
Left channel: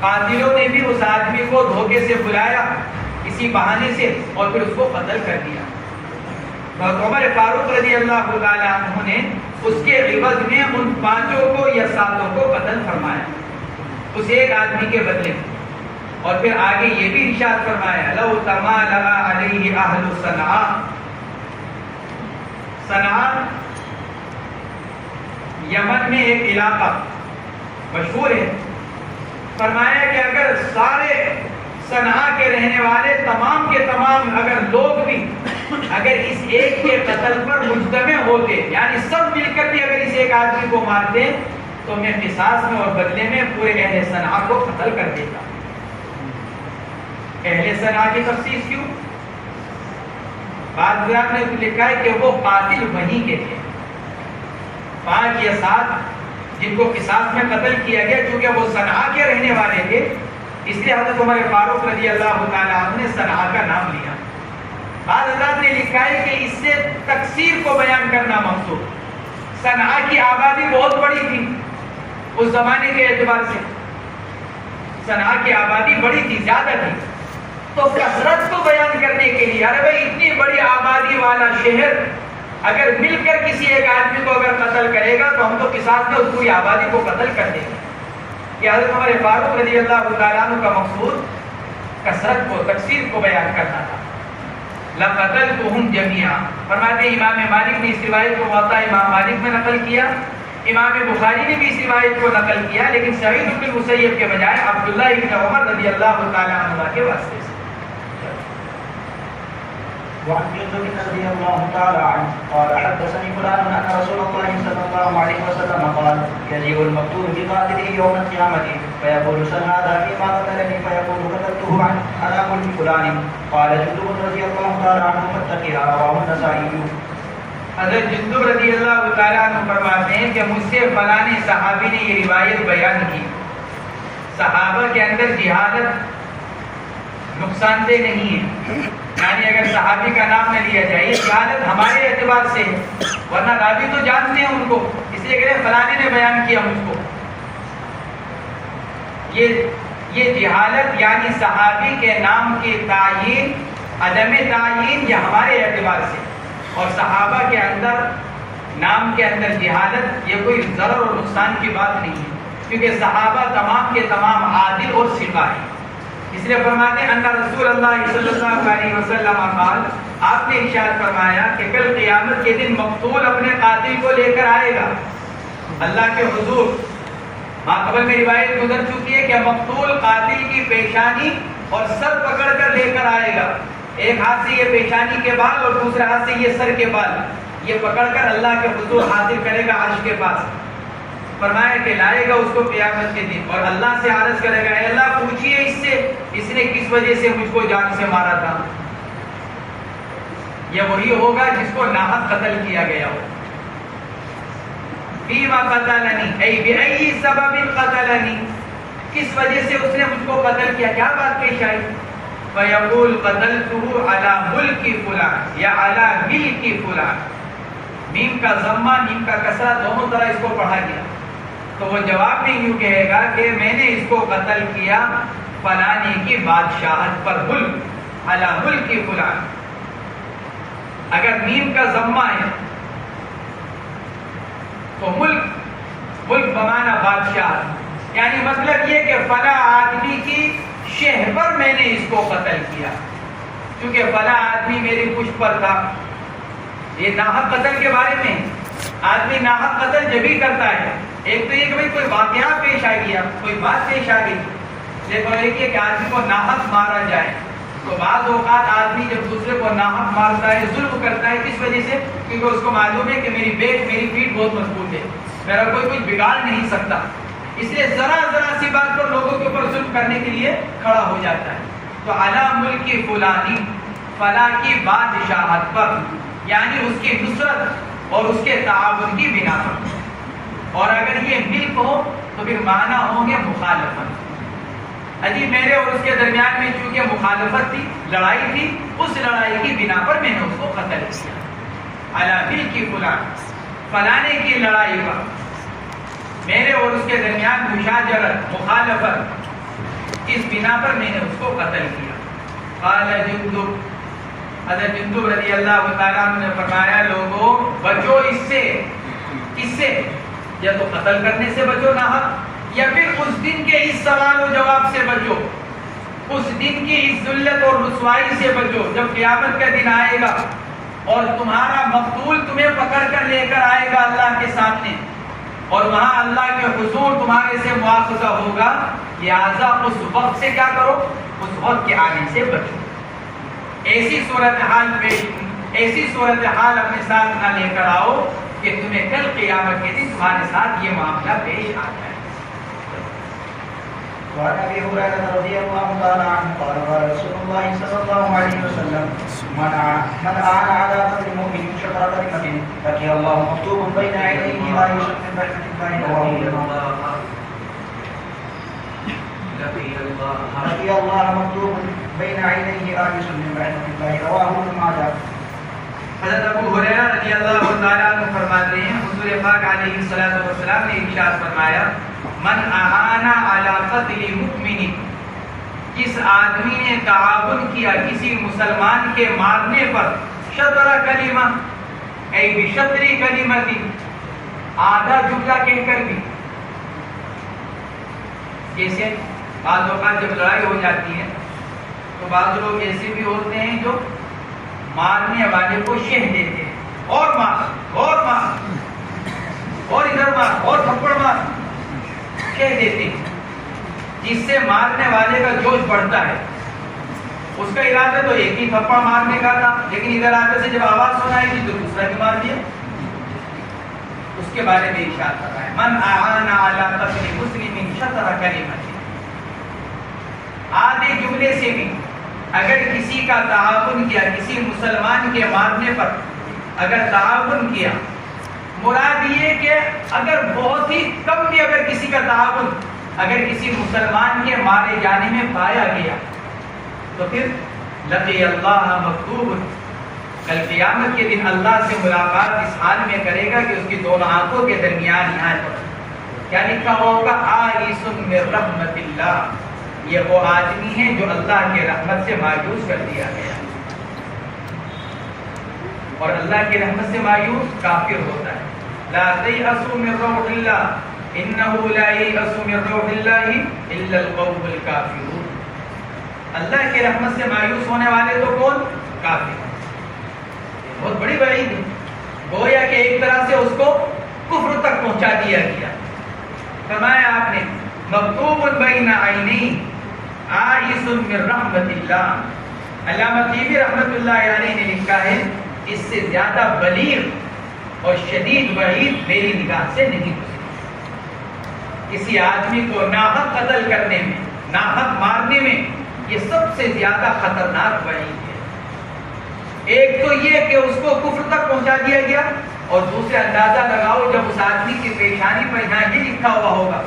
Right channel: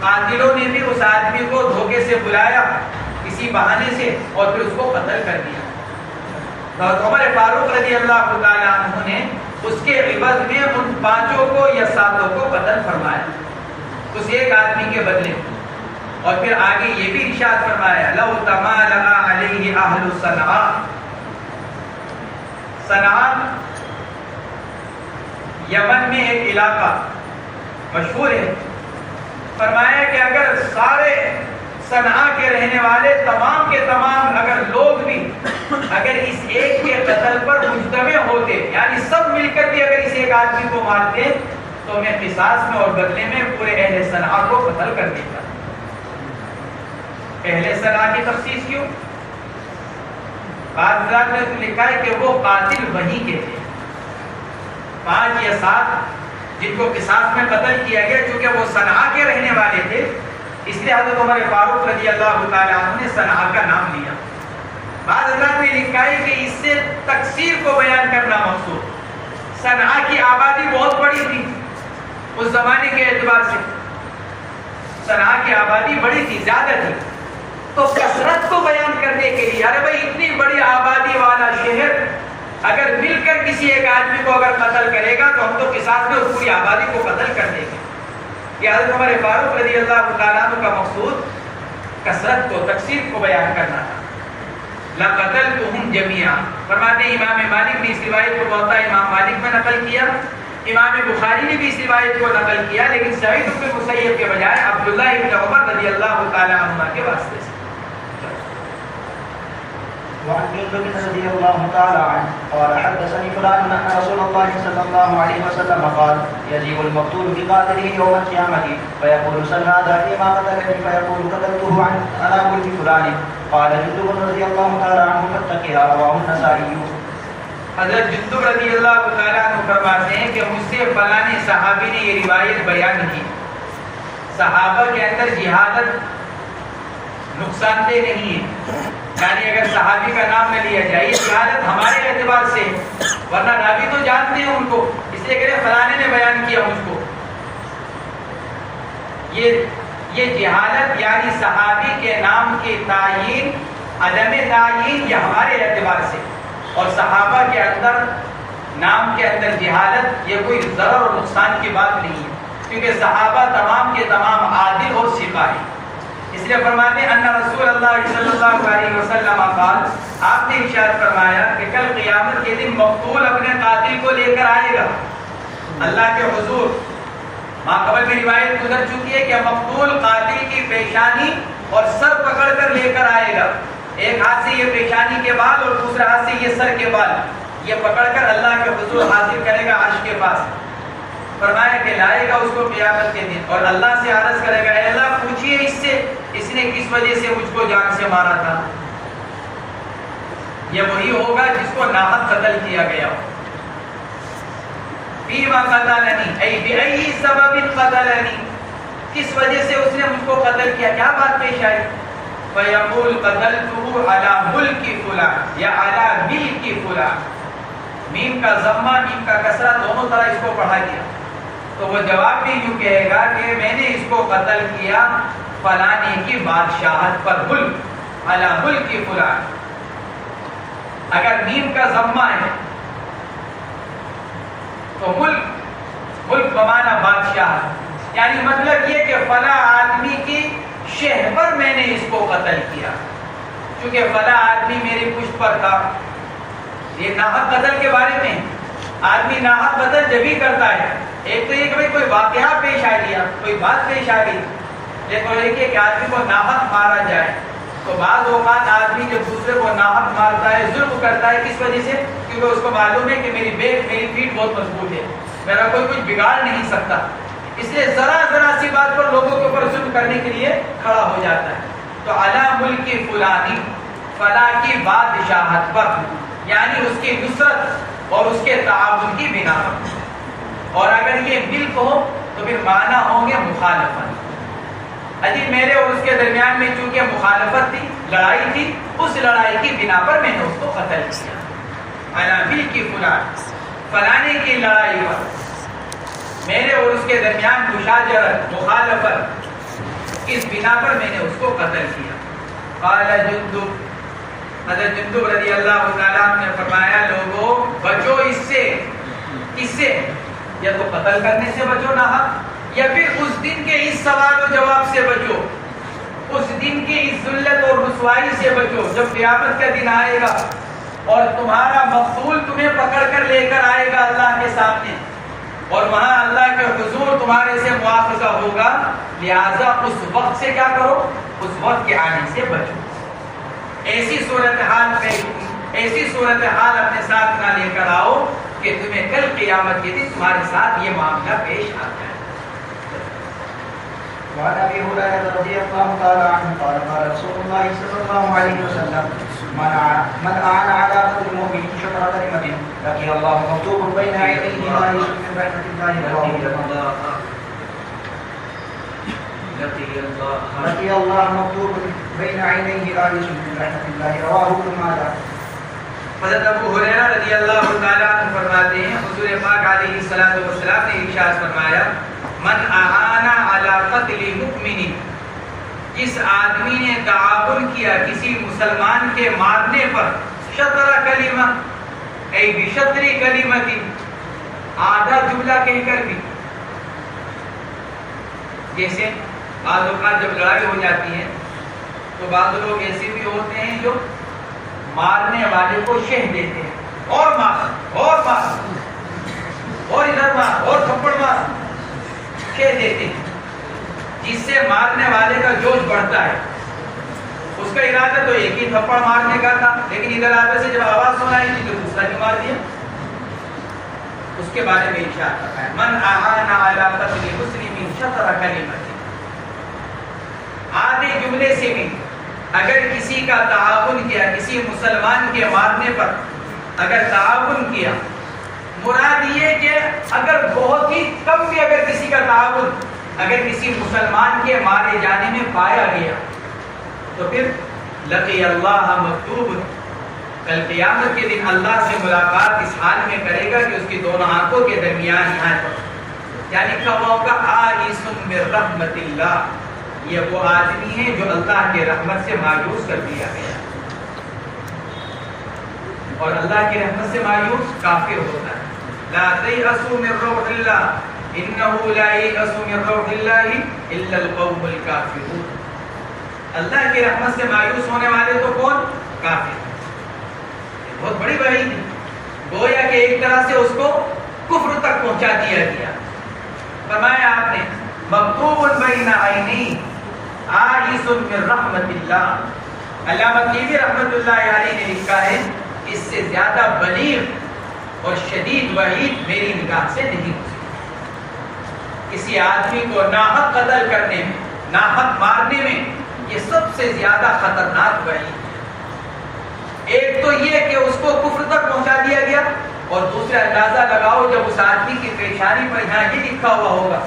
قاتلوں نے بھی اس آدمی کو دھوکے سے بلایا کسی بہانے سے اور پھر اس کو قتل کر دیا۔ حضرت عمر فاروق رضی اللہ تعالیٰ عنہ نے اس کے عوض میں ان 5 کو یا 7 کو قتل فرمایا اس ایک آدمی کے بدلے میں، اور پھر آگے یہ بھی ارشاد فرمایا لو تمالأ علیہ اہل صنعاء، صنعاء یمن میں ایک علاقہ مشہور ہے، فرمایا کہ اگر سارے صنعاء کے رہنے والے تمام کے تمام اگر لوگ بھی اگر اس ایک کے قتل پر مجتمع ہوتے، یعنی سب مل کر بھی اگر اس ایک آدمی کو مارتے، تو میں قصاص میں اور بدلے میں پورے اہل صنعاء کو قتل کر دیتا۔ اہل صنعاء کی تخصیص کیوں؟ بعض حضرات نے تو لکھا ہے کہ وہ قاتل وہیں کے تھے، 5 یا 7 جن کو قصاص میں قتل کیا گیا، چونکہ وہ صنعاء کے رہنے والے تھے، اس لیے حضرت عمر فاروق رضی اللہ تعالیٰ عنہ نے صنعاء کا نام لیا۔ بعض حضرات نے لکھا ہے کہ اس سے تکثیر کو بیان کرنا مقصود، صنعاء کی آبادی بہت بڑی تھی اس زمانے کے اعتبار سے، صنعاء کی آبادی بڑی تھی، زیادہ تھی، تو کثرت کو بیان کرنے کے لیے ارے بھائی اتنی بڑی آبادی والا شہر اگر مل کر کسی ایک آدمی کو اگر قتل کرے گا تو ہم تو قصاص میں اس پوری آبادی کو قتل کر دیں گے۔ یہ حضرت عمر فاروق رضی اللہ تعالیٰ عنہ کا مقصود کثرت کو، تکثیر کو بیان کرنا تھا۔ لَقَتَلْتُهُمْ جَمِيعًا، فرماتے ہیں امام مالک نے اس روایت کو موطا امام مالک میں نقل کیا، امام بخاری نے بھی اس روایت کو نقل کیا، لیکن سعید بن المسیب کے بجائے عبداللہ ابن عمر رضی اللہ تعالیٰ عنہ کے واسطے سے۔ وعن جندب رضي الله تعالى عنه قال حدثني فلان أن رسول الله صلى الله عليه وسلم قال يجيء المقتول بقاتله يوم القيامة فيقول سل هذا فيما قتلني فيقول قتلته على ملك فلان قال جندب رضي الله تعالى عنه فاتقها، رواه النسائي۔ حضرت جندب رضی اللہ تعالیٰ عنہ فرماتے ہیں کہ مجھ سے فلاں صحابی نے یہ روایت بیان کی، صحابہ کے اندر جہالت نقصان دہ نہیں ہے، یعنی اگر صحابی کا نام نہ لیا جائے، یہ جہالت ہمارے اعتبار سے ہے، ورنہ راوی تو جانتے ہیں ان کو، اس لیے کہ فلانے نے بیان کیا مجھ کو۔ یہ جہالت یعنی صحابی کے نام کی تعیین، عدم تعیین، یہ ہمارے اعتبار سے، اور صحابہ کے اندر نام کے اندر جہالت یہ کوئی ضرر اور نقصان کی بات نہیں ہے، کیونکہ صحابہ تمام کے تمام عادل اور ثقہ ہیں، اس لیے فرماتے ہیں ان رسول اللہ صلی اللہ علیہ وسلم قال، آپ نے ارشاد فرمایا کہ کل قیامت کے دن مقتول اپنے قاتل کو لے کر آئے گا اللہ کے حضور۔ قبل میں روایت گزر چکی ہے کہ مقتول قاتل کی پیشانی اور سر پکڑ کر لے کر آئے گا، ایک ہاتھ سے یہ پیشانی کے بال اور دوسرے ہاتھ سے یہ سر کے بال، یہ پکڑ کر اللہ کے حضور حاضر کرے گا عرش کے پاس۔ فرمایا کہ لائے گا اس کو قیامت کے دن اور اللہ سے عرض کرے گا، اے اللہ پوچھئے اس سے، اس نے کس وجہ سے مجھ کو جان سے مارا تھا؟ یہ وہی ہوگا جس کو ناحق قتل کیا گیا ہو۔ فیما قتلنی ای بأی سبب قتلنی، کس وجہ سے اس نے مجھ کو قتل کیا، کیا بات پیش آئی؟ فیقول قتلته علی ملک فلان یا علی ملک فلان، میم کا ضمہ میم کا کسرہ دونوں طرح اس کو پڑھا گیا، تو وہ جواب میں یوں کہے گا کہ میں نے اس کو قتل کیا فلانے کی بادشاہت پر، ملک علی ملک فلان۔ اگر میم کا ضمہ ہے تو ملک بمانا بادشاہ، یعنی مطلب یہ کہ فلاں آدمی کی شہ پر میں نے اس کو قتل کیا، کیونکہ فلاں آدمی میری پشت پر تھا۔ یہ ناحق قتل کے بارے میں، آدمی ناحق قتل جب ہی کرتا ہے، ایک تو یہ کہ کوئی واقعہ پیش آ گیا، کوئی بات پیش آ گئی، لیکن ایک یہ کہ آدمی کو ناحق مارا جائے، تو بعض اوقات آدمی جب دوسرے کو ناحق مارتا ہے، ظلم کرتا ہے، کس وجہ سے؟ کیونکہ اس کو معلوم ہے کہ میری پیٹھ بہت مضبوط ہے، میرا کوئی کچھ بگاڑ نہیں سکتا، اس لیے ذرا سی بات پر لوگوں کے اوپر ظلم کرنے کے لیے کھڑا ہو جاتا ہے۔ تو علی ملک فلانی، فلاں کی بادشاہت پر، یعنی اس کی نصرت اور اس کے تعاون کی بنا پر۔ اور اگر یہ ملک ہو تو پھر معنی ہوں گے مخالفت، اجی میرے اور اس کے درمیان میں چونکہ مخالفت تھی، لڑائی تھی، اس لڑائی کی بنا پر میں نے اس کو قتل کیا۔ علی ملک فلان، فلانے کی لڑائی پر میرے اور اس کے درمیان مشاجرت، مخالفت، اس بنا پر میں نے اس کو قتل کیا۔ قال جندب، حضرت جندب رضی اللہ تعالیٰ عنہ نے فرمایا، لوگوں بچو اس سے، یا تو قتل کرنے سے بچو ناحق، یا پھر اس دن کے اس سوال و جواب سے بچو، اس دن کی اس ذلت اور رسوائی سے بچو جب قیامت کا دن آئے گا اور تمہارا مقتول تمہیں پکڑ کر لے کر آئے گا اللہ کے سامنے، اور وہاں اللہ کے حضور تمہارے سے مواخذہ ہوگا۔ لہذا اس وقت سے کیا کرو؟ اس وقت کے آنے سے بچو۔ ایسی صورتحال اپنے ساتھ نہ لے کر آؤ کہ تمہیں کل قیامت کے دن تمہارے ساتھ یہ معاملہ پیش آ جائے۔ وعن ابي هريره رضي الله تعالى عنه قال قال رسول الله صلى الله عليه وسلم من اعان على قتل مؤمن شطر كلمه لقي الله مكتوب بين عينيه لا يشرك من رحمه الله لقي الله مكتوب بين عينيه آيس من رحمه الله رواه ابن ماجه۔ حضرت ابو ہریرہ رضی اللہ تعالیٰ عنہ فرماتے ہیں، حضور پاک علیہ الصلوۃ والسلام نے ارشاد فرمایا، من اعان علی قتل مؤمن، جس آدمی نے تعاون کیا کسی مسلمان کے مارنے پر، شطر کلمہ ای بشطر کلمۃ، آدھا جملہ کہہ کر بھی، جیسے بعض اوقات جب لڑائی ہو جاتی ہے تو بعض لوگ ایسے بھی ہوتے ہیں جو مارنے والے کو شہ دیتے ہیں، اور مار اور مار اور ادھر مار اور تھپڑ مار، شہ دیتے ہیں، جس سے مارنے والے کا جوش بڑھتا ہے۔ اس کا ارادہ تو ایک ہی تھپڑ مارنے کا تھا، لیکن ادھر آگے سے جب آواز سنائی تھی تو دوسرا ہی مار دیا۔ اس کے بارے میں ارشاد کرتا ہے، من اعان علی قتل مسلم شطر کلمۃ، آدھے جملے سے بھی اگر کسی کا تعاون کیا، کسی مسلمان کے مارنے پر اگر تعاون کیا، مراد یہ کہ اگر بہت ہی کم بھی اگر کسی کا تعاون اگر کسی مسلمان کے مارے جانے میں پایا گیا تو پھر لقی اللہ مکتوب، کل قیامت کے دن اللہ سے ملاقات اس حال میں کرے گا کہ اس کی دونوں آنکھوں کے درمیان یہاں پر کیا لکھا ہوا ہوگا؟ آئس من رحمت اللہ، یہ وہ آدمی ہے جو اللہ کی رحمت سے مایوس کر دیا گیا، اور اللہ کی رحمت سے مایوس کافر ہوتا ہے۔ لا تیأسوا من روح اللہ انہ لا ییأس من روح اللہ الا القوم الکافرون، اللہ کی رحمت سے مایوس ہونے والے تو کون؟ کافر. بہت بڑی وعید ہے. گویا کہ ایک طرح سے اس کو کفر تک پہنچا دیا گیا. فرمایا آپ نے مکتوب بین عینی آئس من رحمت اللہ. علامہ طیبی رحمت اللہ علیہ نے لکھا ہے اس سے زیادہ بلیغ اور شدید وعید میری نگاہ سے نہیں ہو سکتی. کسی آدمی کو ناحق قتل کرنے میں، ناحق مارنے میں، یہ سب سے زیادہ خطرناک وعید ہے. ایک تو یہ کہ اس کو کفر تک پہنچا دیا گیا، اور دوسرا اندازہ لگاؤ جب اس آدمی کی پیشانی پر یہاں یہ لکھا ہوا ہوگا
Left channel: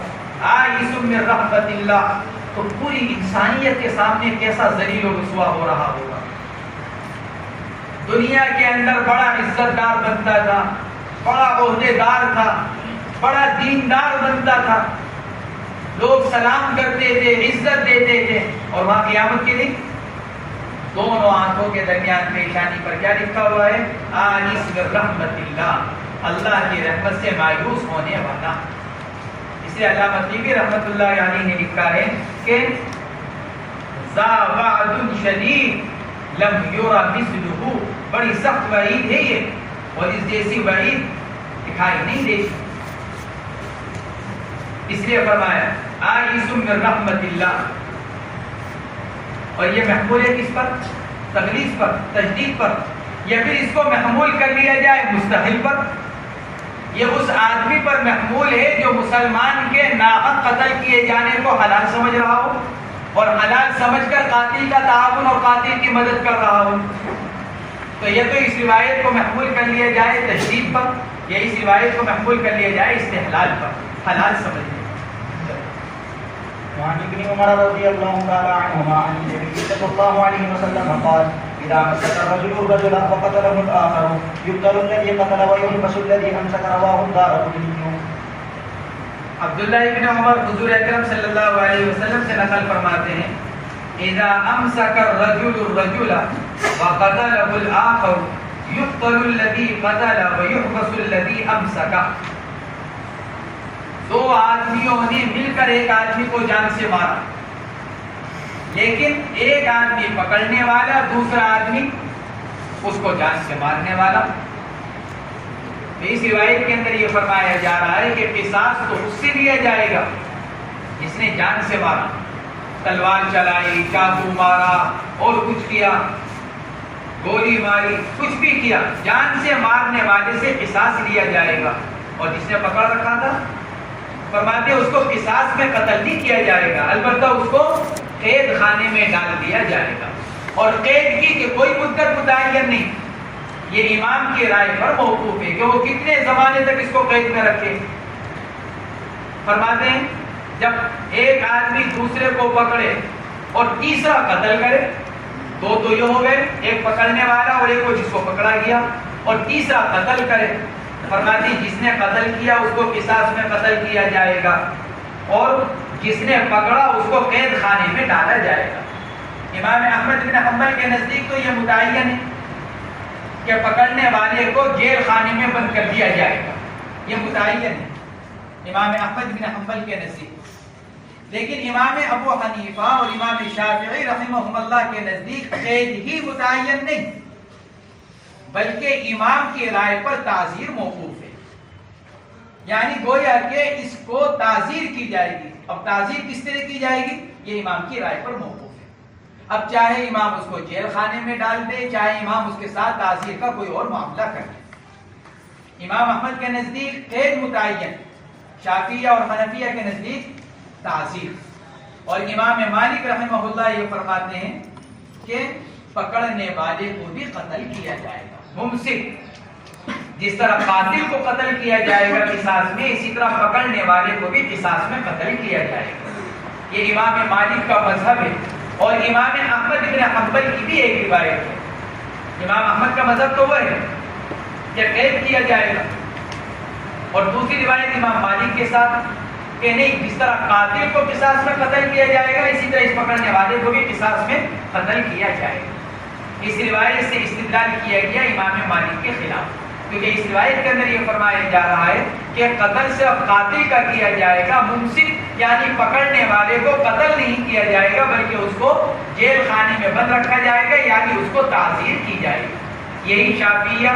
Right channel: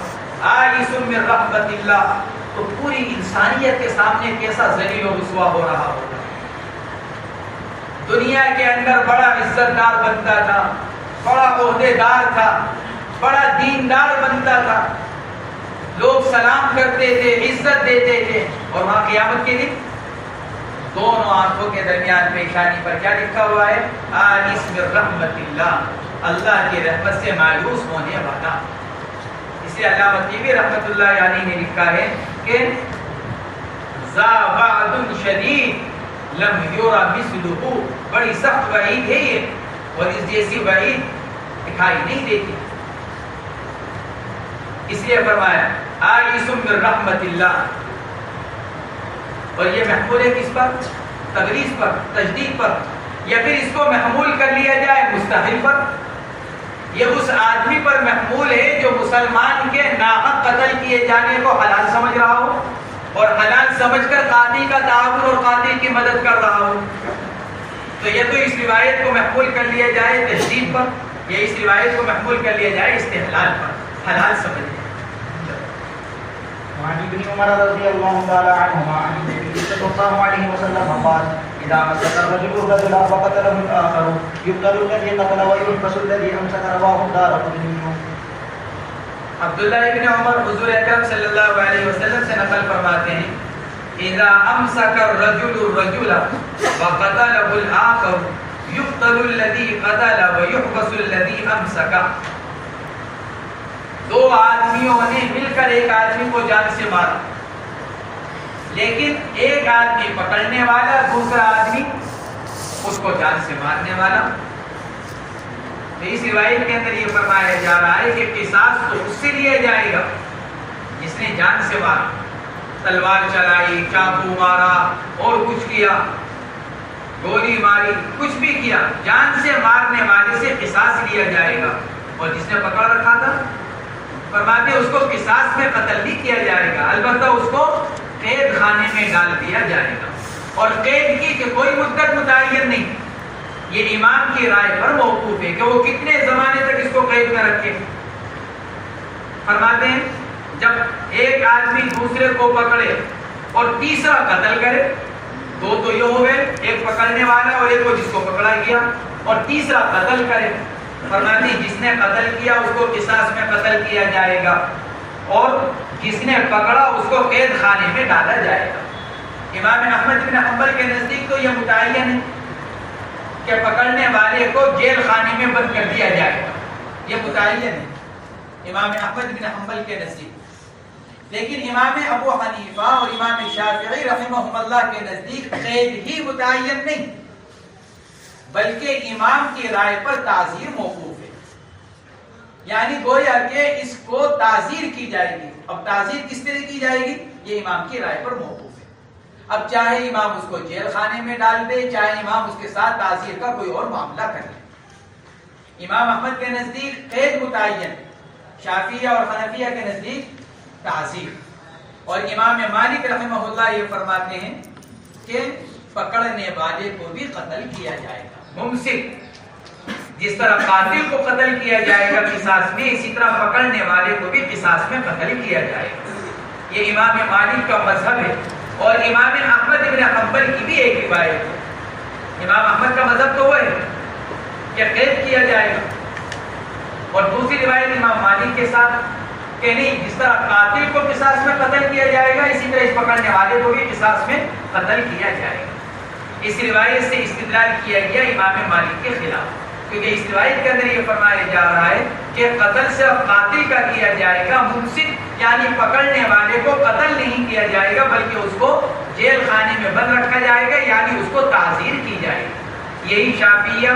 آئس من رحمت اللہ، تو پوری انسانیت کے سامنے کیسا ذلیل و رسوا ہو رہا ہوگا. دنیا کے اندر بڑا عزت دار بنتا تھا، بڑا عہدے دار تھا، بڑا دیندار بنتا تھا، لوگ سلام کرتے تھے، عزت دیتے تھے، اور وہاں قیامت کے دن دونوں آنکھوں کے درمیان پیشانی پر کیا لکھا ہوا ہے؟ آئس من رحمت اللہ، اللہ کی رحمت سے مایوس ہونے والا. اس لیے علامہ طیبی رحمت اللہ علیہ نے لکھا ہے کہ ذا وعد شدید لم یرا مثلہ، بڑی سخت وعید ہے یہ، اور اس جیسی وعید دکھائی نہیں دیتی. اس لیے فرمایا آئس من رحمت اللہ. اور یہ محمول ہے کس پر؟ تغلیظ پر، تجدید پر. یا پھر اس کو محمول کر لیا جائے مستحل پر. یہ اس آدمی پر محمول ہے جو مسلمان کے ناحق قتل کیے جانے کو حلال سمجھ رہا ہو، اور حلال سمجھ کر قاتل کا تعاون اور قاتل کی مدد کر رہا ہو. تو یہ تو اس روایت کو محمول کر لیا جائے تجدید پر، یا اس روایت کو محمول کر لیا جائے استحلال پر، حلال سمجھ. وعن ابن عمر رضي الله تعالى عنهما عن النبي صلى الله عليه وسلم قال إذا مسك الرجل رجلا فقتله الآخر يقتل الذي قتل ويحبس الذي أمسك. رواه الدارقطني. عبداللہ ابن عمر حضور اکرم صلی اللہ علیہ وسلم سے نقل فرماتے ہیں اذا امسك الرجل الرجل وقتله الآخر يقتل الذي قتل ويحبس الذي أمسك. دو آدمیوں نے مل کر ایک آدمی کو جان سے مارا، لیکن ایک آدمی پکڑنے والا، دوسرا آدمی اس کو جان سے مارنے والا. تو اس روایت کے اندر یہ فرمایا جا رہا ہے کہ قصاص تو اس سے لیا جائے گا جس نے جان سے مارا، تلوار چلائی، چاقو مارا، اور کچھ کیا، گولی ماری، کچھ بھی کیا، جان سے مارنے والے سے قصاص لیا جائے گا. اور جس نے پکڑ رکھا تھا فرماتے ہیں اس کو قصاص میں قتل نہیں کیا جائے گا، البتہ اس کو قید خانے میں ڈال دیا جائے گا. اور قید کی کہ کوئی مدت متعین نہیں، یہ امام کی رائے پر موقوف ہے کہ وہ کتنے زمانے تک اس کو قید میں رکھے. فرماتے ہیں جب ایک آدمی دوسرے کو پکڑے اور تیسرا قتل کرے، دو تو یہ ہو گئے، ایک پکڑنے والا اور ایک وہ جس کو پکڑا گیا، اور تیسرا قتل کرے. فرماتے ہیں جس نے قتل کیا اس کو قصاص میں قتل کیا جائے گا، اور جس نے پکڑا اس کو قید خانے میں ڈالا جائے گا. امام احمد بن حنبل کے نزدیک تو یہ متعین ہے کہ پکڑنے والے کو جیل خانے میں بند کر دیا جائے گا، یہ متعین ہے امام احمد بن حنبل کے نزدیک. لیکن امام ابو حنیفہ اور امام شافعی رحمہم اللہ کے نزدیک قید ہی متعین نہیں، بلکہ امام کی رائے پر تعزیر موقوف ہے. یعنی گویا کہ اس کو تعزیر کی جائے گی. اب تعزیر کس طرح کی جائے گی؟ یہ امام کی رائے پر موقوف ہے. اب چاہے امام اس کو جیل خانے میں ڈال دے، چاہے امام اس کے ساتھ تعزیر کا کوئی اور معاملہ کر لے. امام احمد کے نزدیک قید متعین، شافعیہ اور حنفیہ کے نزدیک تعزیر. اور امام مالک رحمہ اللہ یہ فرماتے ہیں کہ پکڑنے والے کو بھی قتل کیا جائے گا. ممسک جس طرح قاتل کو قتل کیا جائے گا قصاص میں، اسی طرح پکڑنے والے کو بھی قصاص میں قتل کیا جائے گا. یہ امام مالک کا مذہب ہے. اور امام احمد بن حنبل کی بھی ایک روایت ہے. امام احمد کا مذہب تو وہ ہے کہ قید کیا جائے گا، اور دوسری روایت امام مالک کے ساتھ کہ نہیں، جس طرح قاتل کو قصاص میں قتل کیا جائے گا اسی طرح اس پکڑنے والے کو بھی قصاص میں قتل کیا جائے گا. اس روایت سے استدلال کیا گیا امام مالک کے خلاف، کیونکہ اس روایت کے اندر یہ فرمایا جا رہا ہے کہ قتل صرف قاتل کا کیا جائے گا، ممسک یعنی پکڑنے والے کو قتل نہیں کیا جائے گا بلکہ اس کو جیل خانے میں بند رکھا جائے گا، یعنی اس کو تعزیر کی جائے گی۔ یہی شافعیہ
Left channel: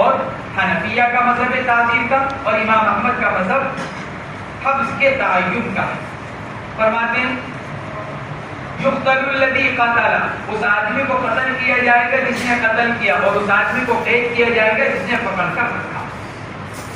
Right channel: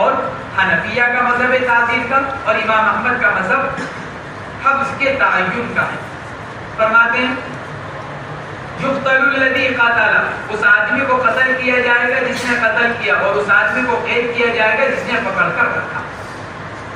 اور حنفیہ کا مذہب ہے تعزیر کا، اور امام احمد کا مذہب حبس کے تعین کا ہے۔ فرماتے ہیں یقتل الذی قتل، اس آدمی کو قتل کیا جائے گا جس نے قتل کیا، اور اس آدمی کو قید کیا جائے گا جس نے پکڑ کر رکھا۔